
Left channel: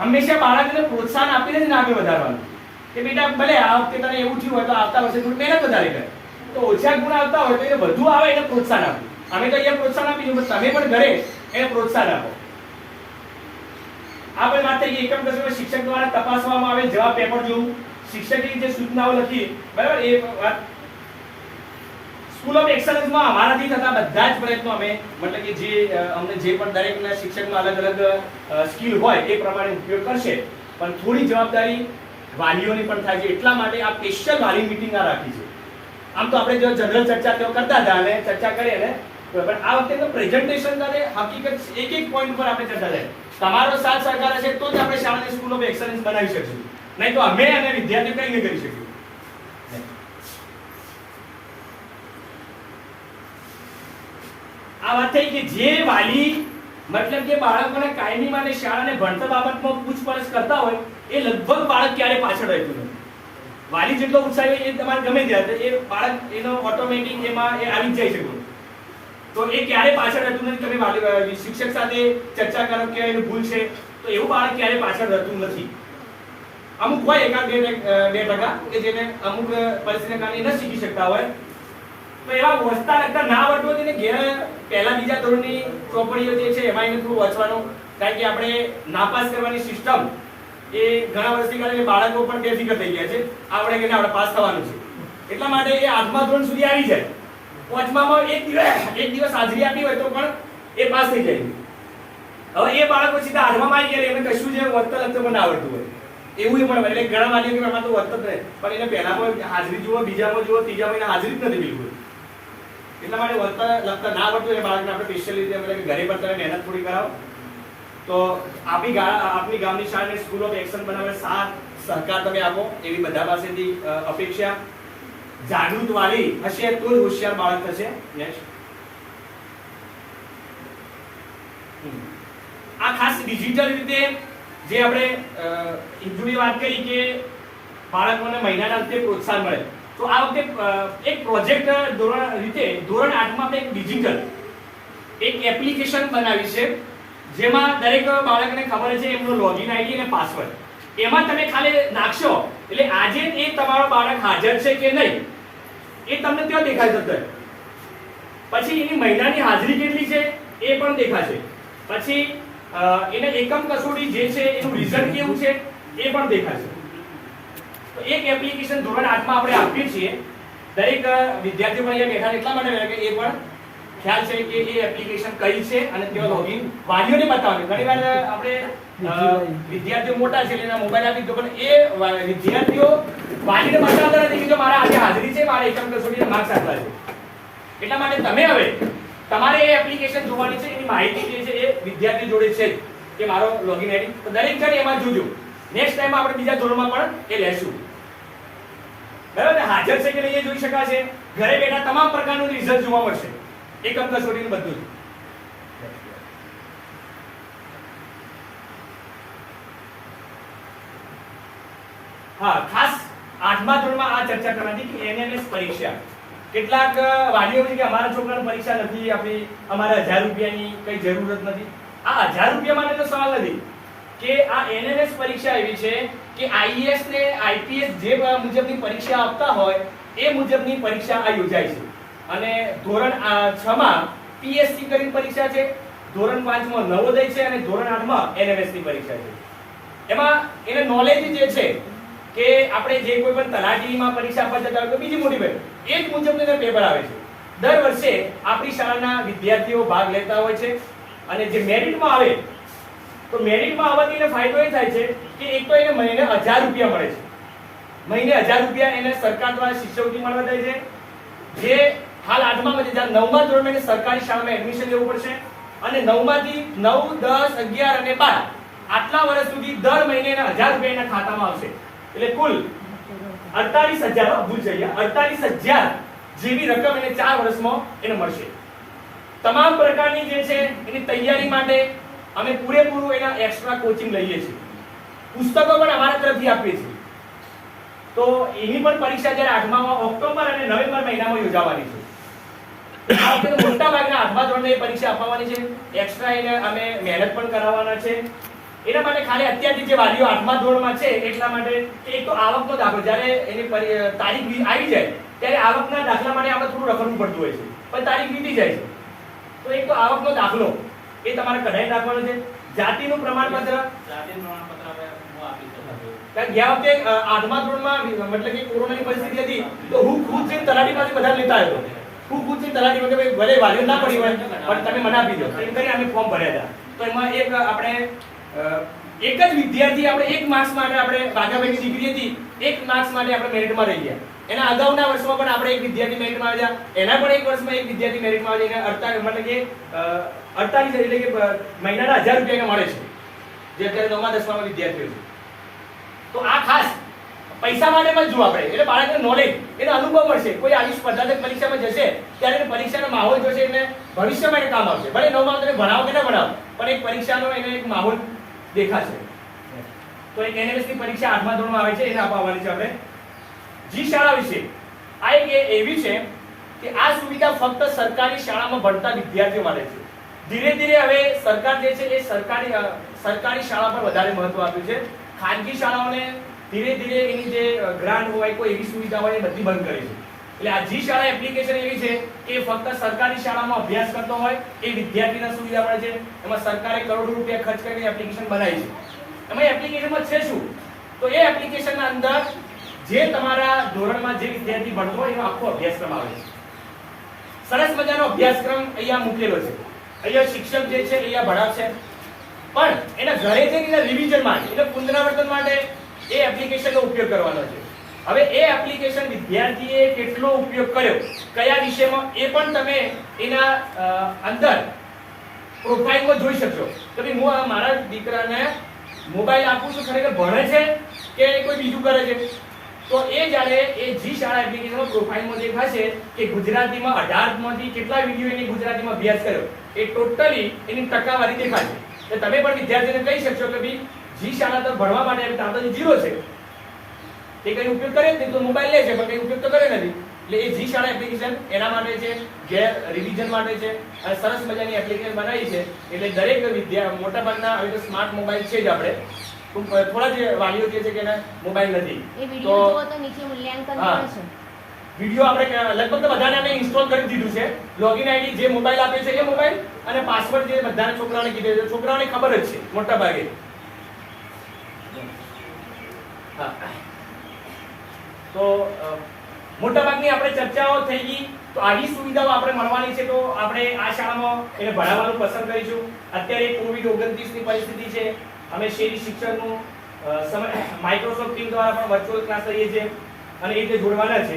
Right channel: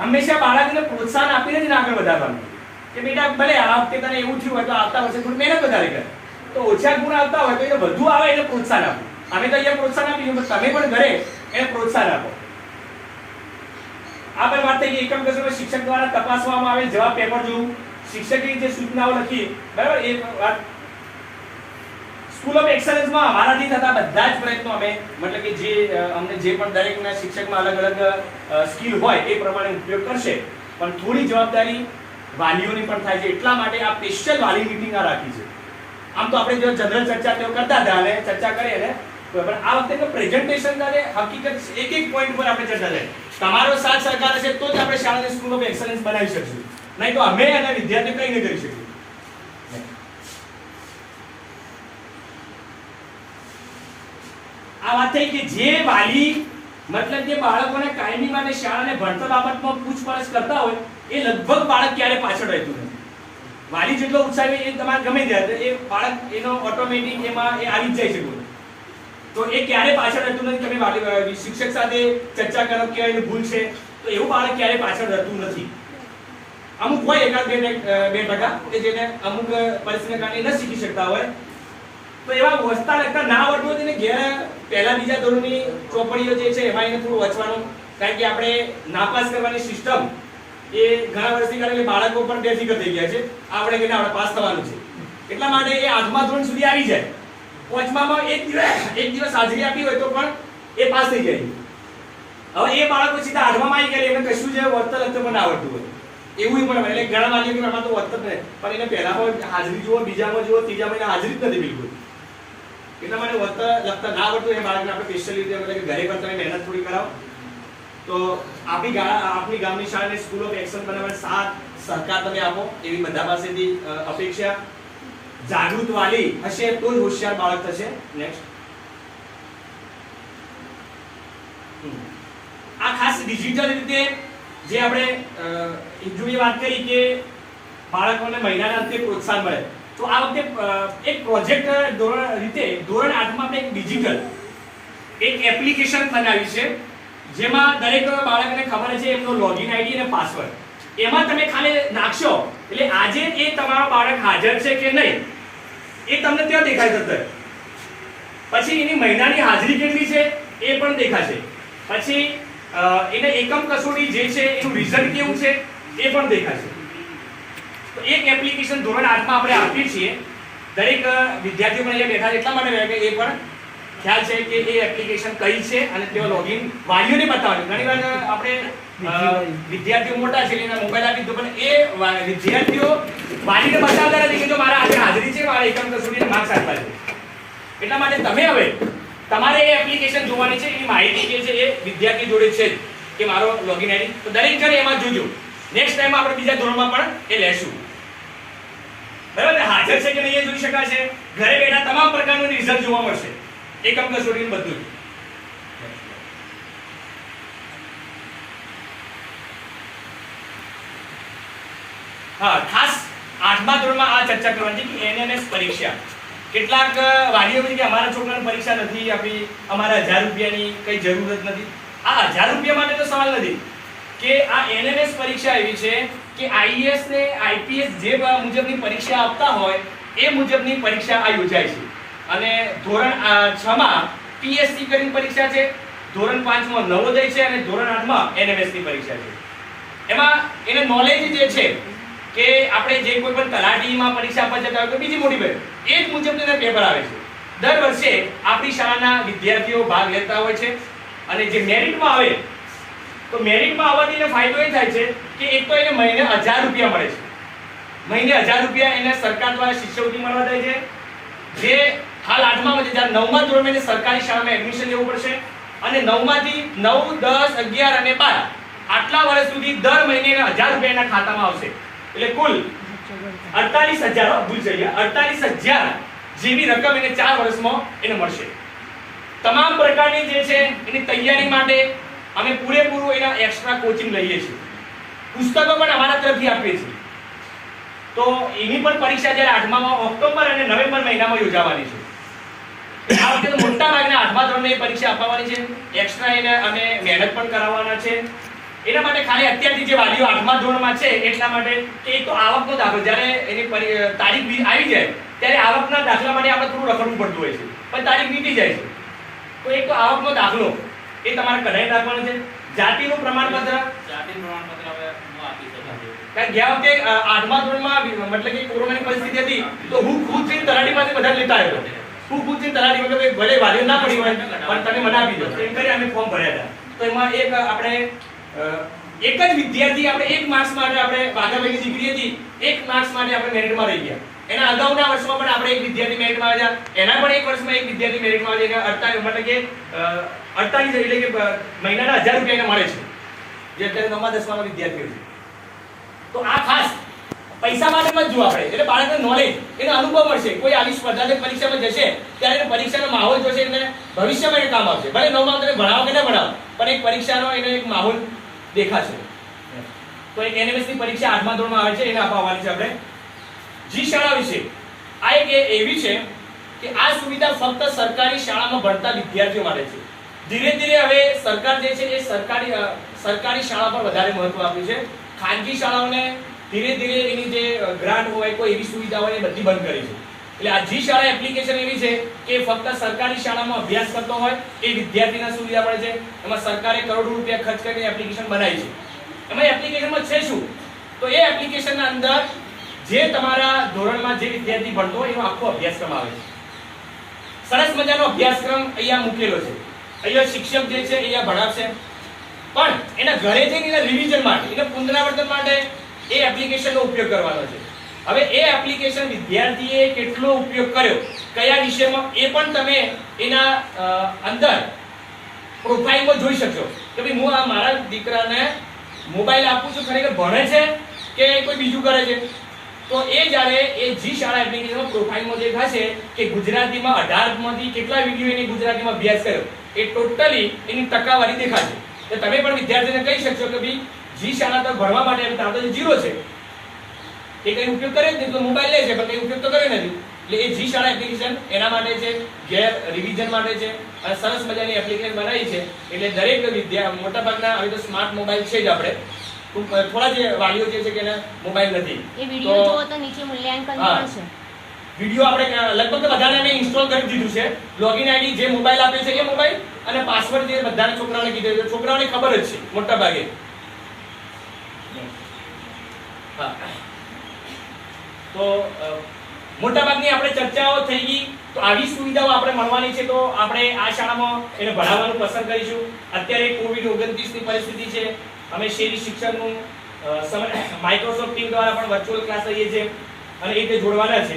હંમેશા બાળકને પ્રોત્સાહન આપીને જ આગળ વધારવાનું કે બેટા ભલે આ વખતે તને એવું થયું હોય તો આવતા વર્ષે થોડી મહેનત વધારે કર. તો ઓછા ગુણ આવતા હોય તો એને વધુ આવે એને પ્રોત્સાહન આપો. અમે તો અહીંયા પ્રોત્સાહન આપીશું, પણ તમે પણ ઘરે એને પ્રોત્સાહન આપો. આ પણ વાત થઈ એકમ કસોટી શિક્ષક દ્વારા તપાસવામાં આવે, જવાબ પેપર જોવું, શિક્ષકની જે સૂચનાઓ લખી, બરાબર, એ વાત સ્કૂલ ઓફ એક્સલન્સમાં અમારાથી થતા બધા જ પ્રયત્નો અમે મતલબ કે જે અમને જે પણ દરેકના શિક્ષકમાં અલગ અલગ સ્કિલ હોય એ પ્રમાણે ઉપયોગ કરશે. પણ થોડી જવાબદારી વાલીઓની પણ થાય છે, એટલા માટે આ સ્પેશિયલ વાલી મીટિંગ આ રાખી છે. આમ તો આપણે જો જનરલ ચર્ચા તેઓ કરતા હતા અને ચર્ચા કરીએ ને, પણ આ વખતે પ્રેઝન્ટેશન સાથે હકીકત એક એક પોઈન્ટ પર આપણે ચર્ચા કરીએ. તમારો સાથ સહકાર હશે તો જ આપણે શાળાને સ્કૂલ ઓફ એક્સલન્સ બનાવી શકીશું, નહીં તો અમે અને વિદ્યાર્થીઓ કંઈ નહીં કરી શકીએ. આ વાત થઈ કે જે વાલી મતલબ કે બાળકોને કાયમી માટે શાળાને ભણતર બાબતમાં પૂછપરછ કરતા હોય એ લગભગ બાળક ક્યારે પાછળ રહેતું નથી. વાલી જેટલો ઉત્સાહી હોય એ તમારે ગમે ત્યારે એ બાળક એનો ઓટોમેટિક એમાં એ આવી જ જાય છે. તો એ ક્યારે પાછળ રહેતું નથી. તમે વાલી શિક્ષક સાથે ચર્ચા કરો કે એની ભૂલ છે તો એવું બાળક ક્યારે પાછળ રહેતું નથી. અમુક હોય એકાદ બે ટકા કે જેને અમુક પરિસ્થિતિના કારણે ન શીખી શકતા હોય તો એવા વસ્તા લગતા ના આવડતું હોય તેને ઘેર પહેલા બીજા ધોરણની ચોપડીઓ જે છે એમાં એને થોડું વાંચવાનું, કારણ કે આપણે નાપાસ કરવાની સિસ્ટમ એ ઘણા વર્ષથી કારણે બાળકો પણ બેફિકર થઈ ગયા છે. આપણે કે આપણે પાસ થવાનું છે એટલા માટે એ 8મા ધોરણ સુધી આવી જાય. 5મામાં એક દિવસ હાજરી આપી હોય તો પણ એ પાસ થઈ જાય. હવે એ બાળકો સીધા 8મામાં આવી ગયા એમને કશું જે વસ્તા લગતા પણ ના આવડતું હોય એવું પણ એટલે ઘણા વાલીઓ કે આમાં તો વસ્ત જ નહીં, પણ એને પહેલા પણ હાજરી જુઓ, બીજામાં જુઓ, ત્રીજામાં એને હાજરી જ નથી બિલકુલ. એટલા માટે વસ્તા લખતા ના આવડતું એ બાળકને આપણે સ્પેશિયલ રીતે ઘરે પણ તમે મહેનત થોડી કરાવો તો આપણી ગામની શાળાને સ્કૂલ ઓફ એક્શન બનાવવા સાથ સહકાર તમે આપો એવી બધા પાસેથી અપેક્ષા. જાગૃત વાલી હશે તો જ હોશિયાર બાળક થશે. નેક્સ્ટ આ ખાસ ડિજિટલ રીતે જે આપણે ઇન્દ્રુએ વાત કરી કે બાળકોને મહિનાના અંતે પ્રોત્સાહન મળે તો આ વખતે એક પ્રોજેક્ટ ધોરણ 8માં આપણે એક ડિજિટલ એક એપ્લિકેશન બનાવી છે જેમાં દરેક બાળકને ખબર છે એમનો લોગિન આઈડી અને પાસવર્ડ. એમાં તમે ખાલી નાખશો એટલે આજે એ તમારો બાળક હાજર છે કે નહીં એ તમને ત્યાં દેખાઈ જશે. પછી એની મહિનાની હાજરી કેટલી છે એ પણ દેખાશે. પછી એને એકમ કસોટી જે છે એનું રિઝલ્ટ કેવું છે એ પણ દેખાશે. તો એક એપ્લિકેશન ધોરણ 8માં આપણે આપીએ છીએ. દરેક વિદ્યાર્થીઓ પણ અહીંયા બેઠા એટલા માટે રહે કે એ પણ ખ્યાલ છે કે એ એપ્લિકેશન કઈ છે અને તેઓ લોગિન વાલીઓને બતાવવાનું. ઘણીવાર આપણે વિદ્યાર્થીઓ મોટા છે એટલે મોબાઈલ આપી દો, પણ એ વિદ્યાર્થીઓ વાલીને બતાવતા નથી કે જો મારા આજે હાજરી છે, મારા એકમ કસોટીના માર્ક્સ આટલા છે. એટલા માટે તમે હવે તમારે એ એપ્લિકેશન જોવાની છે. એની માહિતી જે છે એ વિદ્યાર્થી જોડે છે કે મારો લોગિન આઈડી, તો દરેક જણ એમાં જોજો. નેક્સ્ટ ટાઈમ આપણે બીજા ધોરણમાં પણ એ લેશું. બરાબર ને? હાજર છે કે નહીં એ જોઈ શકાશે. ઘરે બેઠા તમામ પ્રકારનું રિઝલ્ટ જોવા મળશે. એકમ કસોટી બધું જ. હા, ખાસ 8મા ધોરણમાં આ ચર્ચા કરવાની છે કે એનએમએસ પરીક્ષા. કેટલાક વાલીઓ કે અમારા છોકરાને પરીક્ષા નથી આપી, અમારા 1000 રૂપિયાની કઈ જરૂરત નથી. આ 1000 રૂપિયા માટે તો સવાલ નથી કે આ એનએમએસ પરીક્ષા એવી છે કે આઈએએસ ને આઈપીએસ જે મુજબની પરીક્ષા આપતા હોય એ મુજબની પરીક્ષા આ યોજાય છે. અને ધોરણ 6માં પીએસસી કરીને પરીક્ષા છે, ધોરણ 5માં નવોદય છે અને ધોરણ 8માં એનએમએસ ની પરીક્ષા છે. એમાં એને નોલેજ જે છે કે આપણે જે કોઈ પણ તલાટીમાં પરીક્ષા આપવા જતા હોય તો બીજી મોટી ભાઈ એ જ મુજબના પેપર આવે છે. દર વર્ષે આપણી શાળાના વિદ્યાર્થીઓ ભાગ લેતા હોય છે અને જે મેરિટમાં આવે તો મેરિટમાં આવવાથી એને ફાયદો એ થાય છે કે એક તો એને મહિને 1000 રૂપિયા મળે છે. મહિને 1000 રૂપિયા એને સરકાર દ્વારા શિષ્યવૃત્તિ મળવા જાય છે. જે હાલ 8મા છે, જ્યારે 9મા ધોરણમાં એને સરકારી શાળામાં એડમિશન લેવું પડશે અને 9માંથી 9, 10, 11 અને 12 આટલા વર્ષ સુધી દર મહિને એને 1000 રૂપિયા એના ખાતામાં આવશે. એટલે કુલ 48000 ભૂલ થઈ ગયા 48000 જેવી રકમ એને 4 વર્ષમાં એને મળશે. તમામ પ્રકારની જે છે એની તૈયારી માટે અમે પૂરેપૂરું એના એક્સ્ટ્રા કોચિંગ લઈએ છીએ. પુસ્તકો પણ અમારા તરફથી આપીએ છીએ. તો એની પણ પરીક્ષા જ્યારે 8મા ઓક્ટોબર અને નવેમ્બર મહિનામાં યોજાવાની છે. આ વખતે મોટા ભાગના 8મા ધોરણની પરીક્ષા આપવાની છે. એક્સ્ટ્રા એને અમે મહેનત પણ કરાવવાના છે. એના માટે ખાલી અત્યારથી જે વાલીઓ 8મા ધોરણમાં છે એટલા માટે કે એક તો આવકનો દાખલો જ્યારે એની તારીખ આવી જાય ત્યારે આવકના દાખલા માટે આપણે થોડું રખડવું પડતું હોય છે, પણ તારીખ વીતી જાય છે. તો એક તો આવકનો દાખલો એ તમારે કઢાઈ રાખવાનો છે. જાતિનું પ્રમાણપત્ર હવે હું આપી શકું છું. કારણ ગયા વખતે 8મા ધોરણમાં મતલબ કે કોરોનાની પરિસ્થિતિ હતી તો હું ખુદ જઈને તલાટી પાસે બધા લેતા આવ્યો. હું ખુદ જઈને તલાટી પાસે ભલે વાલીઓ ના પડી હોય પણ તમે મને આપી દો એમ કરી અમે ફોર્મ ભર્યા હતા. તો એમાં એક આપણે એક જ વિદ્યાર્થી આપણે 1 માર્ક્સ માટે આપણે વાઘાભાઈની દીકરી હતી 1 માર્ક્સ માટે આપણે મેરિટમાં રહી ગયા. એના અગાઉના વર્ષમાં પણ આપણે એક વિદ્યાર્થી મેરિટમાં આવ્યા. એના પણ એક વર્ષમાં એક વિદ્યાર્થી મેરિટમાં આવ્યા. એને 48 મતલબ કે 48 એટલે કે મહિનાના 1000 રૂપિયા એને મળે છે જે અત્યારે 9મા 10મામાં વિદ્યાર્થીઓ છે. તો આ ખાસ પૈસા માટે મત જો આપણે, એટલે બાળકને નોલેજ, એને અનુભવ મળશે. કોઈ આવી સ્પર્ધાત્મક પરીક્ષામાં જશે ત્યારે એને પરીક્ષાનો માહોલ જોશે, એટલે ભવિષ્યમાં એને કામ આવશે. ભલે 9મા તમે ભણાવો કે ના ભણાવો, પણ એક પરીક્ષાનો એને એક માહોલ દેખાશે. તો એક NMS ની પરીક્ષા 8મા ધોરણમાં આવે છે, એને આપવાની છે આપણે. જી શાળા વિશે આ એક એવી છે કે આ સુવિધા ફક્ત સરકારી શાળામાં ભણતા વિદ્યાર્થીઓ માટે છે. ધીરે ધીરે હવે સરકાર જે છે એ સરકારી શાળા પર વધારે મહત્વ આપ્યું છે. ખાનગી શાળાઓને ધીરે ધીરે એની જે ગ્રાન્ટ હોય, કોઈ એવી સુવિધા હોય, એ બધી બંધ કરી છે. એટલે આ જી શાળા એપ્લિકેશન એવી છે કે ફક્ત સરકારી શાળામાં અભ્યાસ કરતો હોય એ વિદ્યાર્થીને સુવિધા મળે છે. એમાં સરકારે કરોડો રૂપિયા ખર્ચ કરીને એપ્લિકેશન બનાવી છે. એમાં એપ્લિકેશનમાં છે શું? તો એ એપ્લિકેશનના અંદર જે તમારા ધોરણમાં જે વિદ્યાર્થી ભણતો હોય એનો આખો અભ્યાસક્રમ આવે છે. સરસ મજાનો અભ્યાસક્રમ અહીંયા મૂકેલો છે. અહીંયા શિક્ષક જે છે અહીંયા ભણાવશે, પણ એના ઘરે જઈને એના રિવિઝન માટે, એના પુનરાવર્તન માટે એ એપ્લિકેશનનો ઉપયોગ કરવાનો છે. હવે એ એપ્લિકેશન વિદ્યાર્થીએ કેટલો ઉપયોગ કર્યો, કયા વિષયમાં, એ પણ તમે એના અંદર પ્રોફાઇલમાં જોઈ શકશો. તો ભાઈ હું આ મારા દીકરાને મોબાઈલ આપું છું, ખરેખર ભણે છે કે કોઈ બીજું કરે છે? તો એ જ્યારે એ જી શાળા એપ્લિકેશનમાં પ્રોફાઇલમાં દેખાશે કે ગુજરાતીમાં 18 માંથી કેટલા વિડિયો એને ગુજરાતીમાં અભ્યાસ કર્યો, એ ટોટલી એની ટકાવારી દેખાશે. તો તમે પણ વિદ્યાર્થીને કહી શકશો કે ભાઈ જી શાળા તો ભણવા માટે તાર તો 0 છે, એ કઈ ઉપયોગ કરે નથી, તો મોબાઈલ લે છે પણ કઈ ઉપયોગ તો કરે નથી. એટલે એ જી શાળા એપ્લિકેશન એના માટે છે, ઘેર રિવિઝન માટે છે, અને સરસ મજાની એપ્લિકેશન બનાવી છે. એટલે દરેક મોટાભાગના હવે તો સ્માર્ટ મોબાઈલ છે જ આપણે, થોડા જે વાલીઓ જે છે કે એના મોબાઈલ નથી, એ વિડિયો જોવો તો નીચે મૂલ્યાંકન પણ છે. વિડિયો આપણે લગભગ બધાને અમે ઇન્સ્ટોલ કરી દીધું છે. લોગિન આઈડી જે મોબાઈલ આપે છે એ મોબાઈલ, અને પાસવર્ડ જે બધાને છોકરાઓને કીધું છે, છોકરાઓને ખબર જ છે મોટા ભાગે. હા, તો મોટાભાગની આપણે ચર્ચાઓ થઈ ગઈ. તો આવી સુવિધાઓ આપણે મળવાની છે, તો આપણે આ શાળામાં એને ભણાવવાનું પસંદ કરીશું. અત્યારે COVID-19 ની પરિસ્થિતિ છે, અમે શેરી શિક્ષણનું માઇક્રોસોફ્ટ ટીમ દ્વારા પણ વર્ચ્યુઅલ ક્લાસ લઈએ છીએ અને એ રીતે જોડવાના છે.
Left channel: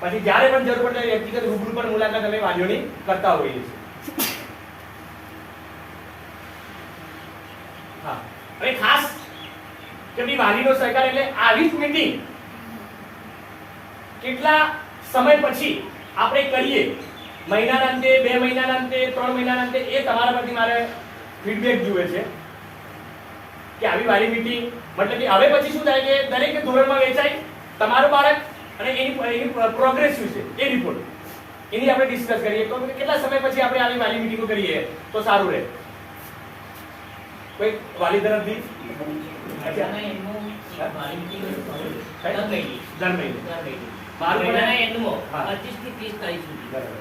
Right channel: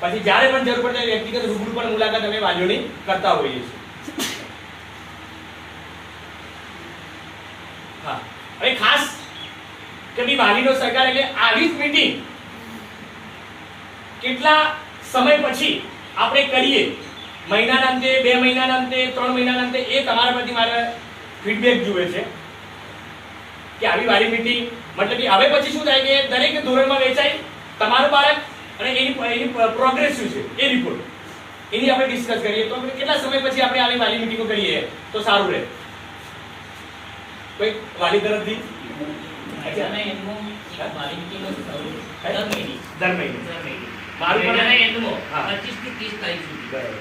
પછી જ્યારે પણ જરૂર પડે વ્યક્તિગત રૂબરૂ પણ મુલાકાત અમે વાલીઓની કરતા હોઈએ છીએ. હા, હવે ખાસ કે ભાઈ વાલીનો સહકાર, એટલે આવી જ મીટિંગ કેટલા સમય પછી આપણે કરીએ, મહિનાના અંતે, 2 મહિનાના અંતે, 3 મહિનાના અંતે, એ તમારા પરથી મારે ફીડબેક જોઈએ છે કે આવી વાલી મીટિંગ, મતલબ કે હવે પછી શું થાય કે દરેક ધોરણમાં વેચાય તમારું બાળક અને એની પ્રોગ્રેસ શું છે એ રિપોર્ટ, એની આપણે ડિસ્કસ કરીએ. તો કેટલા સમય પછી આપણે આવી વાલી મીટિંગો કરીએ તો સારું રહે? કોઈ વાલી તરફથી? અને એનું વાલી મીટિંગ દર મહિને મારું મહિનાના પણ એન્ડમાં હા. 25 થી 30 તારીખ સુધી. બરાબર.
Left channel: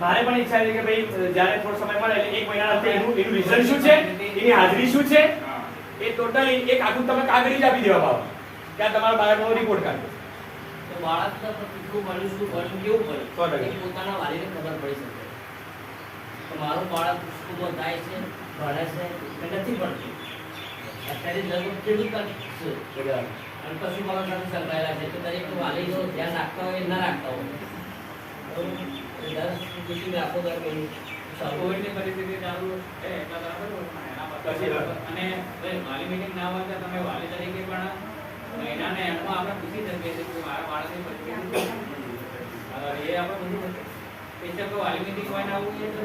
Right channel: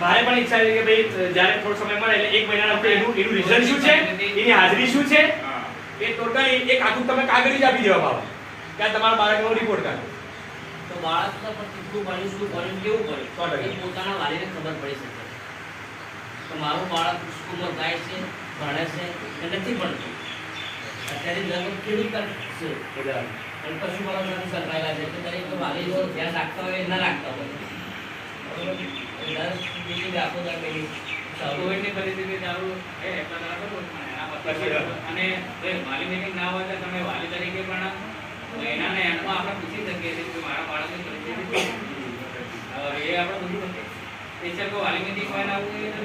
મારે પણ ઈચ્છા છે કે ભાઈ જ્યારે થોડો સમય મળે એટલે 1 મહિના આપણે એનું રિઝલ્ટ શું છે, એની હાજરી શું છે, એ ટોટલી એક આખું તમે કાગળ જ આપી દેવા બાબા કે આ તમારા બાળકનો રિપોર્ટ કાઢો. તો બાળકને પણ કેટલું ભણ્યું, શું ભણ્યું, કેવું ભણ્યું, 100%. એ પોતાના વાલીને ખબર પડી શકે. તો મારું બાળક સ્કૂલમાં જાય છે, ભણે છે કે નથી ભણતું. અત્યારે લગ્ન કેવી છે બરાબર. અને પશુપાલન સાથે સંકળાયેલા છે, તો દરેક વાલીઓ ધ્યાન રાખતા હોય ના રાખતા હોય. બરોબર? દર meeting આપો, દર meeting. કોવિડની પરિસ્થિતિ ચાલુ છે એટલા બરાબર, પણ એના પછી અને ભાઈ વાલી મીટિંગ ના હોય તો તમે વાલી તરીકે પણ મહિનાના એન્ડમાં આપણે પૂછી શકીએ છીએ કે મારા બાળકની પરિસ્થિતિ શું છે. એ આપણે પૂછી શકીએ. સ્પેશિયલ કોઈ વાલી મીટિંગ હોય ને આવું એ તો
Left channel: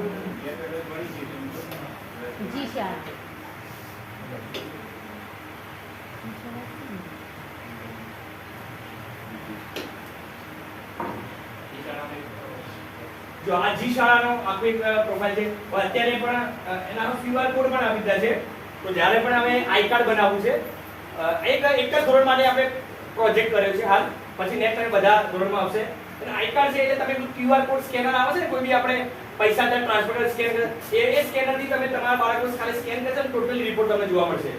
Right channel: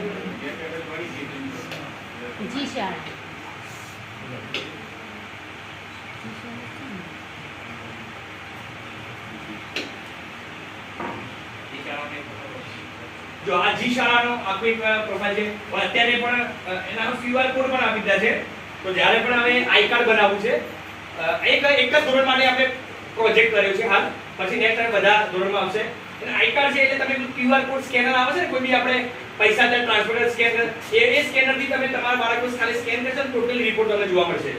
જી શાળા જો આ જી શાળાનો આખો એક પ્રોફાઇલ છે, અત્યારે પણ એના QR કોડ પણ આપી દીધા છે. તો જ્યારે પણ હવે આઈ કાર્ડ બનાવવું છે, એક જ ધોરણ માટે આપણે પ્રોજેક્ટ કર્યો છે હાલ, પછી નેક્સ્ટ ટાઈમ બધા ધોરણમાં આવશે. અને આઈ કાર્ડ છે એટલે તમે QR કોડ સ્કેનર આવે છે ને, કોઈ બી આપણે પૈસા ત્યાં ટ્રાન્સફર સ્કેનર, એ સ્કેનર થી તમે તમારા બાળકનું ખાલી સ્કેન કરશો તો ટોટલ રિપોર્ટ તમને જોવા મળશે.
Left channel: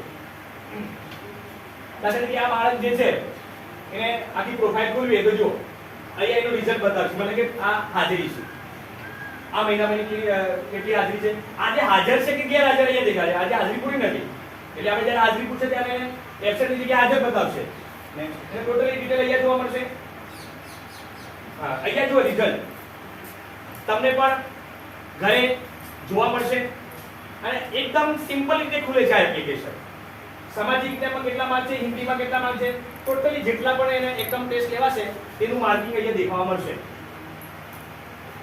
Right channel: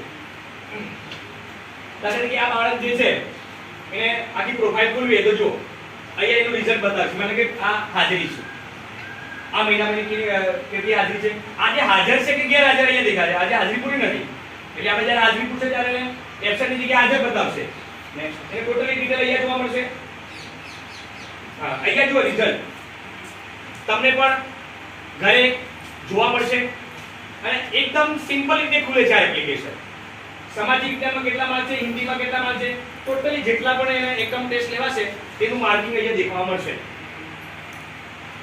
કારણ કે આ બાળક જે છે એને આખી પ્રોફાઇલ ખોલવી તો જો અહીંયા એનું રિઝલ્ટ બતાવશે, મને કે આ હાજરી છે, આ મહિનામાં કેટલી હાજરી છે, આજે હાજર છે કે ગેરહાજર અહીંયા દેખાશે. આજે હાજરી પૂરી નથી, એટલે આપણે જ્યારે હાજરી પૂછે ત્યારે એબસેન્ટની જગ્યાએ હાજર બતાવશે. નેક્સ્ટ એટલે ટોટલી ડિટેલ અહીંયા જોવા મળશે. હા, અહીંયા જુઓ રિઝલ્ટ તમને પણ ઘરે જોવા મળશે, અને એકદમ સિમ્પલ રીતે ખુલે છે આ એપ્લિકેશન. સામાજિક વિજ્ઞાનમાં કેટલા માર્ક છે, હિન્દીમાં કેટલા માર્ક છે, ટોટલી જેટલા પણ એને એકમ ટેસ્ટ લેવાશે તેનું માર્કિંગ અહીંયા દેખાવા મળશે.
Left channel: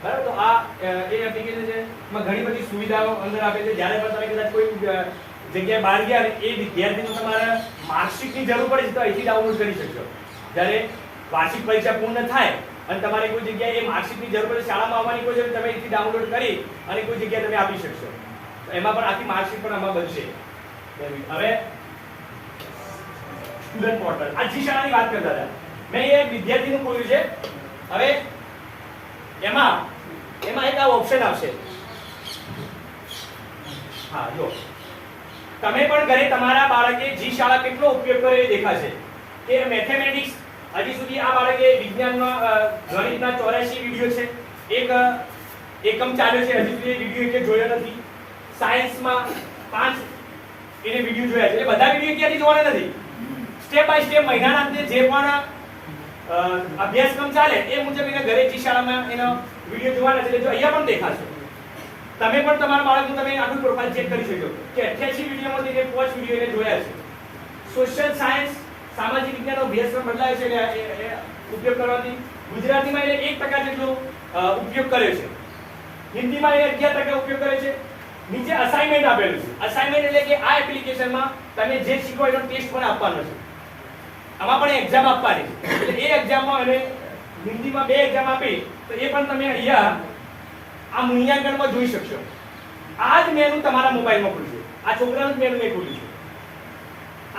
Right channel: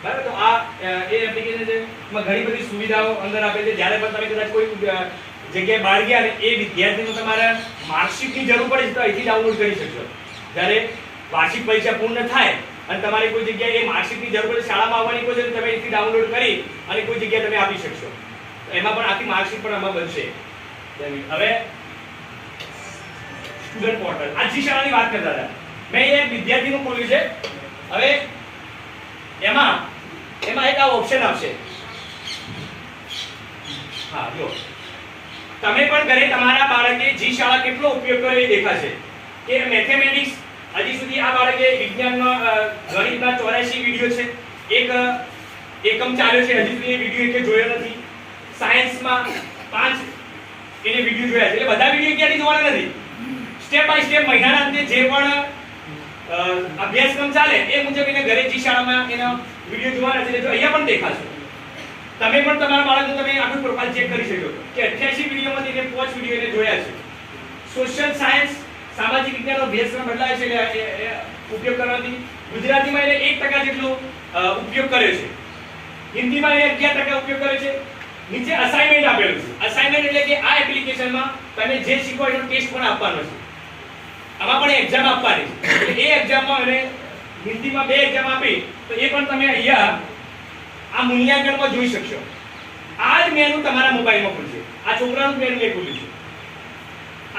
બરાબર, તો આ એ એપ્લિકેશન છે. એમાં ઘણી બધી સુવિધાઓ અંદર આપે છે. જ્યારે પણ તમે કદાચ કોઈ જગ્યાએ બહાર ગયા અને એ વિદ્યાર્થીનું તમારે માર્કશીટની જરૂર પડે છે તો અહીંથી ડાઉનલોડ કરી શકશો. જ્યારે વાર્ષિક પરીક્ષા પૂર્ણ થાય અને તમારે કોઈ જગ્યાએ એ માર્કશીટની જરૂર પડે, શાળામાં આવવાની કોઈ જરૂર, તમે અહીંથી ડાઉનલોડ કરી અને કોઈ જગ્યાએ તમે આપી શકશો. તો એમાં પણ આખી માર્કશીટ પણ આમાં બનશે. હવે સ્ટુડન્ટ પોર્ટલ, આ જી શાળાની વાત કરતા હતા. મેં એક વિદ્યાર્થીનું ખોલ્યું છે. હવે એમાં એક આ ઓપ્શન આવશે. હા, જો તમે પણ ઘરે તમારા બાળકે જી શાળા કેટલો ઉપયોગ કર્યો એ દેખાશે. કે મેથેમેટિક્સ હજી સુધી આ બાળકે વિજ્ઞાનમાં ગણિતના 84 વિડિયો છે. એક એકમ ચાલ્યો છે, હજી સુધી એ વિડિયો એટલે જોયો નથી. સાયન્સમાં 5 એને વિડિયો જોયા છે. એટલે બધા વિડિયો ક્યાંથી જોવાના નથી. સ્ટેપ બાય સ્ટેપ મહિનાના અંતે જે પણ અભ્યાસક્રમ ચાલે એ મુજબ એને ઘરે જી શાળામાં એનો વિડિયો જોવાના છે. એટલે જો અહીંયા પણ દેખાશે. તમે પણ તમારા બાળકનું તમે આખું પ્રોફાઇલ ચેક કરી શકો કે 88 વિડિયોમાંથી એને 5 વિડિયો એને જોયા છે. સોશિયલ સાયન્સ, સામાજિક વિજ્ઞાનનો અભ્યાસક્રમ બદલાય છે એટલે એ ઉપયોગ કરવાથી. ગુજરાતીમાં એને 1% જેટલો ઉપયોગ કર્યો છે. હિન્દીમાં એને 11% ઉપયોગ કર્યો છે. નીચે અસાઇનમેન્ટ આપેલું છે. અસાઇનમેન્ટ એટલે કે આ એપ્લિકેશનમાં તમે જે શીખો એનો ટેસ્ટ પણ આપવાનો છે. આમાં પણ એક્ઝામ આપવાની છે. એટલે એ એક્ઝામમાં એને હિન્દીમાં 2 એક્ઝામ આપી તો એ પણ તમે અહીંયા આ મૂલ્યાંકનમાં જોઈ શકશો. આ જ મેનુ તમારા મોબાઈલમાં ખુલશે. આ છોકરાનું મેનુ મેં ખુલ્યું છે.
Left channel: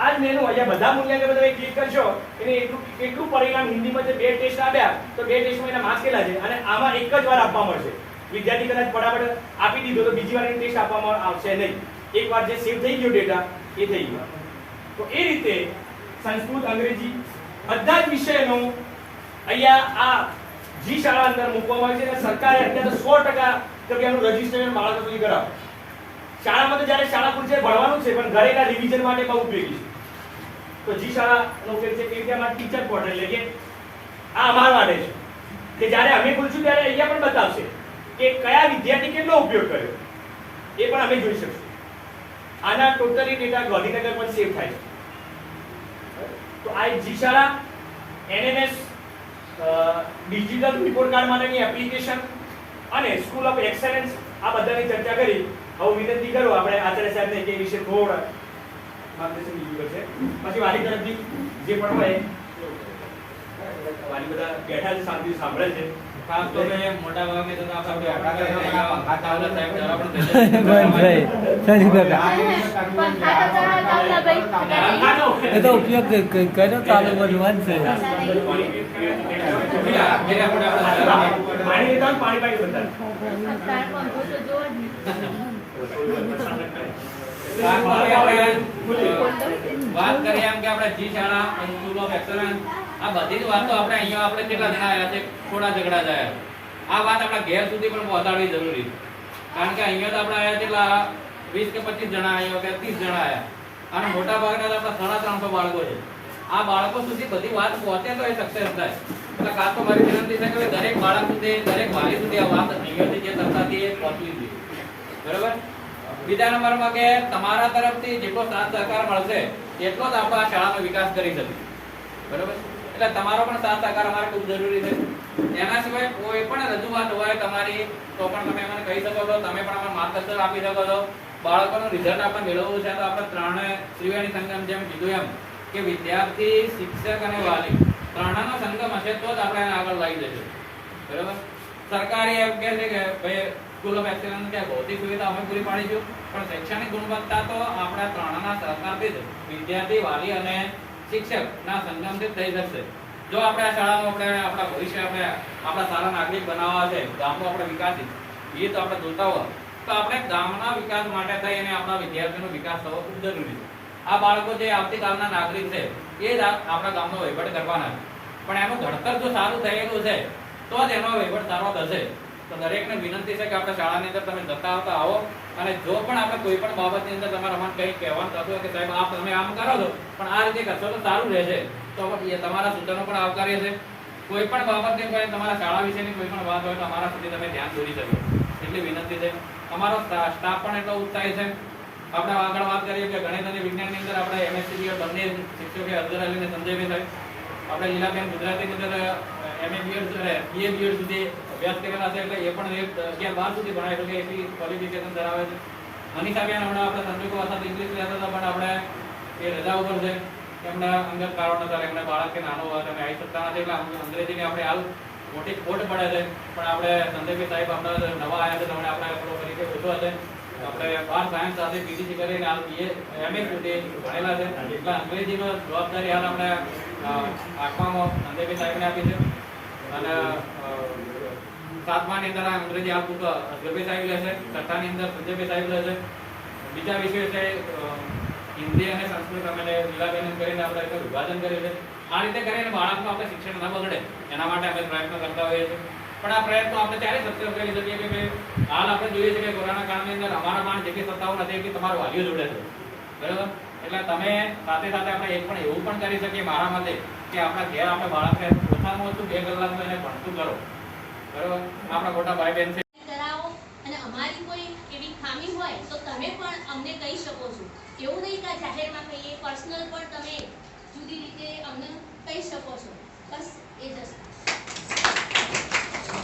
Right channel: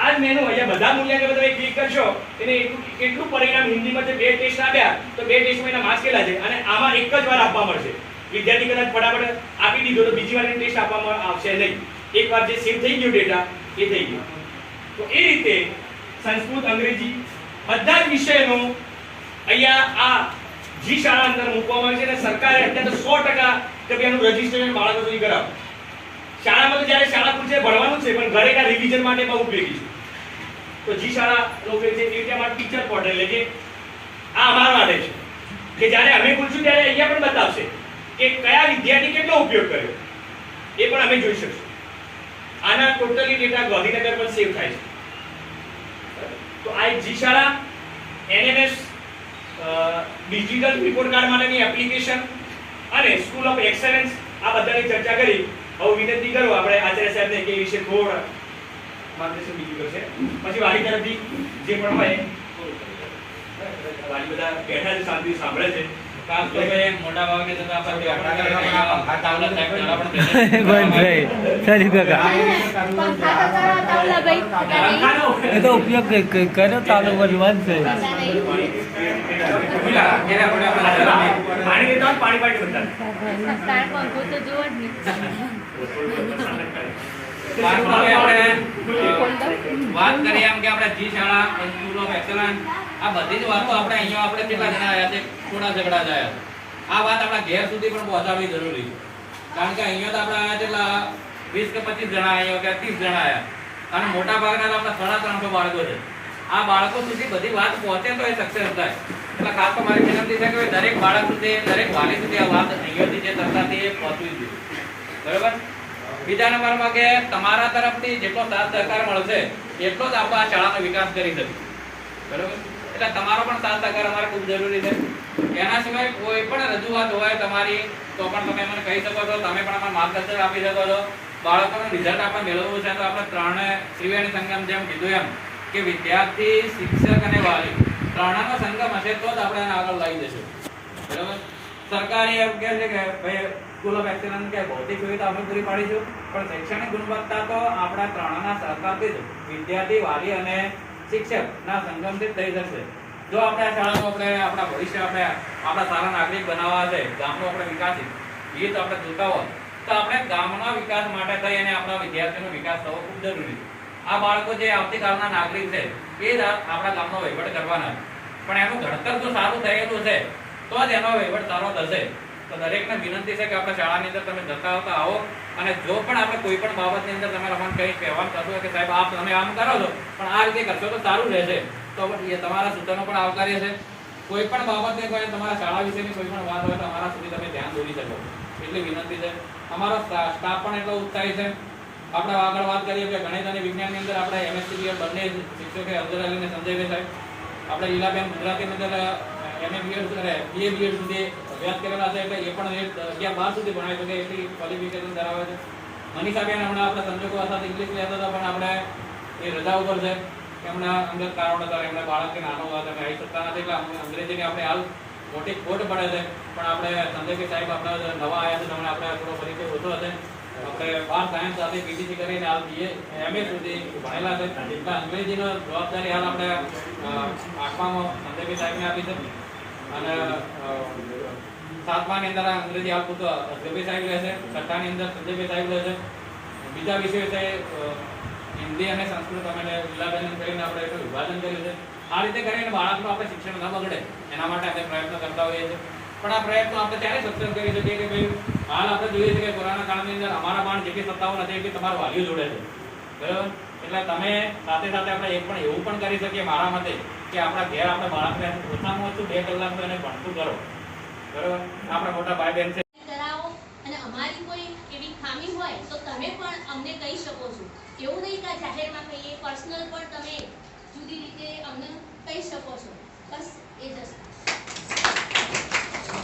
આ જ મેનુ અહીંયા બધા મૂલ્યાંકન તમે ક્લિક કરશો એને કેટલું પરિણામ હિન્દીમાં જે 2 ટેસ્ટ આપ્યા તો 2 ટેસ્ટમાં એના માર્ક્સ કેટલા છે અને આમાં એક જ વાર આપવા મળશે. વિદ્યાર્થી કદાચ ફટાફટ આપી દીધો તો બીજી વાર ટેસ્ટ આપવામાં આવશે નહીં. એકવાર જે સેવ થઈ ગયો ડેટા એ થઈ ગયો. તો એ રીતે સંસ્કૃત, અંગ્રેજી બધા જ વિષયનું અહીંયા આ જી શાળા અંદર મૂકવામાં આવે છે અને સરકારે અત્યારે 100% કે એનું રજીસ્ટ્રેશન બાળકો સુધી કરાવો. શાળામાં તો જ્યારે શાળા પૂછે ભણવાનું છે પણ ઘરે કા રિવિઝન માટે બહુ ઉપયોગી છે. તો જી શાળાનો ઉપયોગ છે. એ રીતે અમારું ટીચર પોર્ટલ એટલે કે આ અમારા માટે છે કે જ્યારે અમે ખોલશું ત્યારે અહીંયા પણ બતાવશે કે કયા વિદ્યાર્થી કેટલો ઉપયોગ કર્યો એ પણ અમે જોઈ શકશું. આના ટોટલી ડેટા ગાંધીનગર પર સેવ થાય છે. તો આ એક જી શાળા એનએમએસ ડિજિટલ રિપોર્ટ કાર્ડ માટેની એપ્લિકેશન અને સ્કૂલ ઓફ એક્સેલન્સ આ બધાની ચર્ચા કરી. હવે વિનંતી કરું આપણે આચાર્ય સાહેબને કે વિશે થોડા માર્ગદર્શન બીજું કરશે. પછી વાલી તરફથી જે પણ હોય વાલી બધા બેઠા છે, શાંતિથી સાંભળે છે. ખાસ તો મેં મોટા ભાગે તો આપણે ગોવિંદભાઈ સારી કાકા એ તો ઉપયોગ કર્યો ચાલુ બનવા જ છે. પાણી લેતા પાણી પાણી કરતા વાત કરીએ એમ કે આપણે જી શાળા, સ્કૂલ ઓફ એક્સેલન્સ આ બધી જ વાતો આપણે અહીંયા આપણે કેટલા જણા આવ્યા છે, થોડા ઝઘડા થયા. આ વાત આપણા ઘેર સુધી પણ પહોંચાડવી જરૂરી છે. કારણ કે અહીંયા તો આપણે આવ્યા કેટલા 20 કે 25 જણા આવ્યા કે 30 જણા આવ્યા અને મોટા ભાગના આપણા 350 બાળકો છે. આ બાળકો સુધી બધી વાત પહોંચે તો એ સક્સેસ થાય. એટલે ખાસ તો મારી વિનંતી છે કે દરેક બાળક સુધી, દરેક વાલી સુધી આ વાત અહીંયાથી જે ચર્ચાથી એ પહોંચવી જોઈએ. બરાબર. બીજા નંબરમાં કે તમારા તરફથી જેટલો સાથ સહકાર મળશે એટલો જ આપણે આ શાળાનો વિકાસ કરી શકીએ. બરાબર. એટલે તમારો પણ સાથ સહકાર અમારે ખૂબ જરૂરી છે. એના સિવાય કોઈ પણ રજૂઆત હોય તમારી તો પણ તમે મને કહી શકો છો. તમે પણ અમને માર્ગદર્શન આપી શકો છો. બાળકોનું રિઝલ્ટ આપણે મેળવવું છે તો આપણે ત્રણે ત્રિવેણી સંગમ જેમ કીધું એમ કે વિદ્યાર્થી, શિક્ષક અને વાલી ત્રણેયનો સંગમ હશે તો જ આપણે એને આગળ લઈ જશું. બરાબર. સરકારી એમ કહે છે કે ભાઈ સ્કૂલ ઓફ એક્સેલન્સ કે ભૌતિક સુવિધા અમે પૂરી પાડીશું પણ શૈક્ષણિક ગુણવત્તા તો આપણા ત્રણના સહકારથી જ વિદ્યાર્થી, વાલી અને શિક્ષકના સંગમથી જ થઈ શકશે. જો આપણે આ શાળાનો આપણે આપણા ભવિષ્ય આપણે આપણા સારા નાગરિક બનાવવા છે, ગામનો આપણે વિકાસ હિત આપણે જોતા હોય તો આપણે ગામના વિકાસ માટે થઈ અને આપણા વિદ્યાર્થીનો વિકાસ થવો ખૂબ જરૂરી છે. આ બાળકો જે આવતીકાલના નાગરિક છે એ જ આપણા ગામનો વહીવટ કરવાના છે. પણ એનું ઘડતર જો સારું થયેલું છે તો જ એનો વહીવટ સારો થશે. તો દરેકને વિનંતી છે કે આપણે શાળાની અંદર તમે જતા આવતા આવો અને જો પણ આપણે કોઈ પણ બાબતની અંદર તમારે મને કંઈ કહેવાનું થતું હોય કે સાહેબ આપ તમે આમ કરો છો પણ આ રીતે કરશો તો સારું રહેશે તો એ તમારા સૂચનો પણ આવકાર્ય છે. કોઈ પણ બાબતની કોઈ તમારા શાળા વિશેની કોઈ પણ વાત હોય તો અમારા સુધી તમે ધ્યાન દોરી શકો એટલી વિનંતી છે. અમારો સ્ટાફ પણ એટલો ઉત્સાહી છે આપણે આગળ વાત કરીએ કે ગણિત અને વિજ્ઞાનની અંદર આપણે એમએસસી બંને શિક્ષકો અબ્દુલ અલી અને સંજયભાઈ સાહેબ, આપણે લીલાબેન ગુજરાતીની અંદર MA BEd BA BEd સુધી અભ્યાસ કરેલા છે, એટલે એ પણ 11-12 સુધી ભણાવી શકે એટલી ક્વોલિફિકેશન ધરાવે છે. મનીષાબેન હમણાં આપણે સંજોગો સાથે ઇંગ્લિશ કહેતા હતા, પણ આપણે એ રજા ઉપર છે, એમના અંગત કારણો હતા, એમના બાળક કે નાનો હોય તમે આવી શકતા નથી, એટલે અંગ્રેજીને આપણે હાલ મોટી ખોટ પડે છે. પણ આપણે સંજયભાઈ સાહેબ આપણે નવા આવ્યા છે, તમને આપણે થોડો પરિચય ઓછો હશે. આપણે 12 સાયન્સ સાથે પીટીસી કરીને હાલ BA MA સુધી ભણેલા છે, એટલે અંગ્રેજીનો જવાબદારી હાલ આપણે 8મામાં સંજયભાઈ સાહેબને આપી છે, અને 7માની અંદર આ અંગ્રેજી હાલ પૂરતો અજયભાઈ સાહેબ લે છે, 6ઠાની અંદર સંજયભાઈ સાહેબ લે છે. બીજા વિષયો છે હિન્દી અને સંસ્કૃત અમે લીલાબેન કરીને આપણે એક વિભાજન કર્યું છે. આ રીતે કરીને બાળકનું આપણે શિક્ષણ ન બગડે એના માટે આપણે પ્રયત્નો કરતા હોઈએ છીએ. પણ આ પ્રયત્નો આપણે ત્યારે સક્સેસ કરી શકીએ કે ભાઈ હાલ આપણે જોઈએ છીએ કે કોરોના કાળની અંદર અમારા પણ જેટલી સત્તાઓ નથી એટલી તમારા વાલીઓ જોડે છે, બરાબર. એટલે તમે સાથે સાથે આપણે એક પણ એવું પણ કરી શકીએ મારા મતે કે આપણા ઘેર આપણે બાળકને ઓછામાં ઓછું 2 કલાકનું એને ભણતું કરો, બરાબર. આપણા મોટા ભાઈ બહેન છે કરાવો, અને અમારી કોઈ એવી ખામી હોય તો તમે પણ અમને કહી શકો છો. એવું નહીં કે જાહેરમાં કહીએ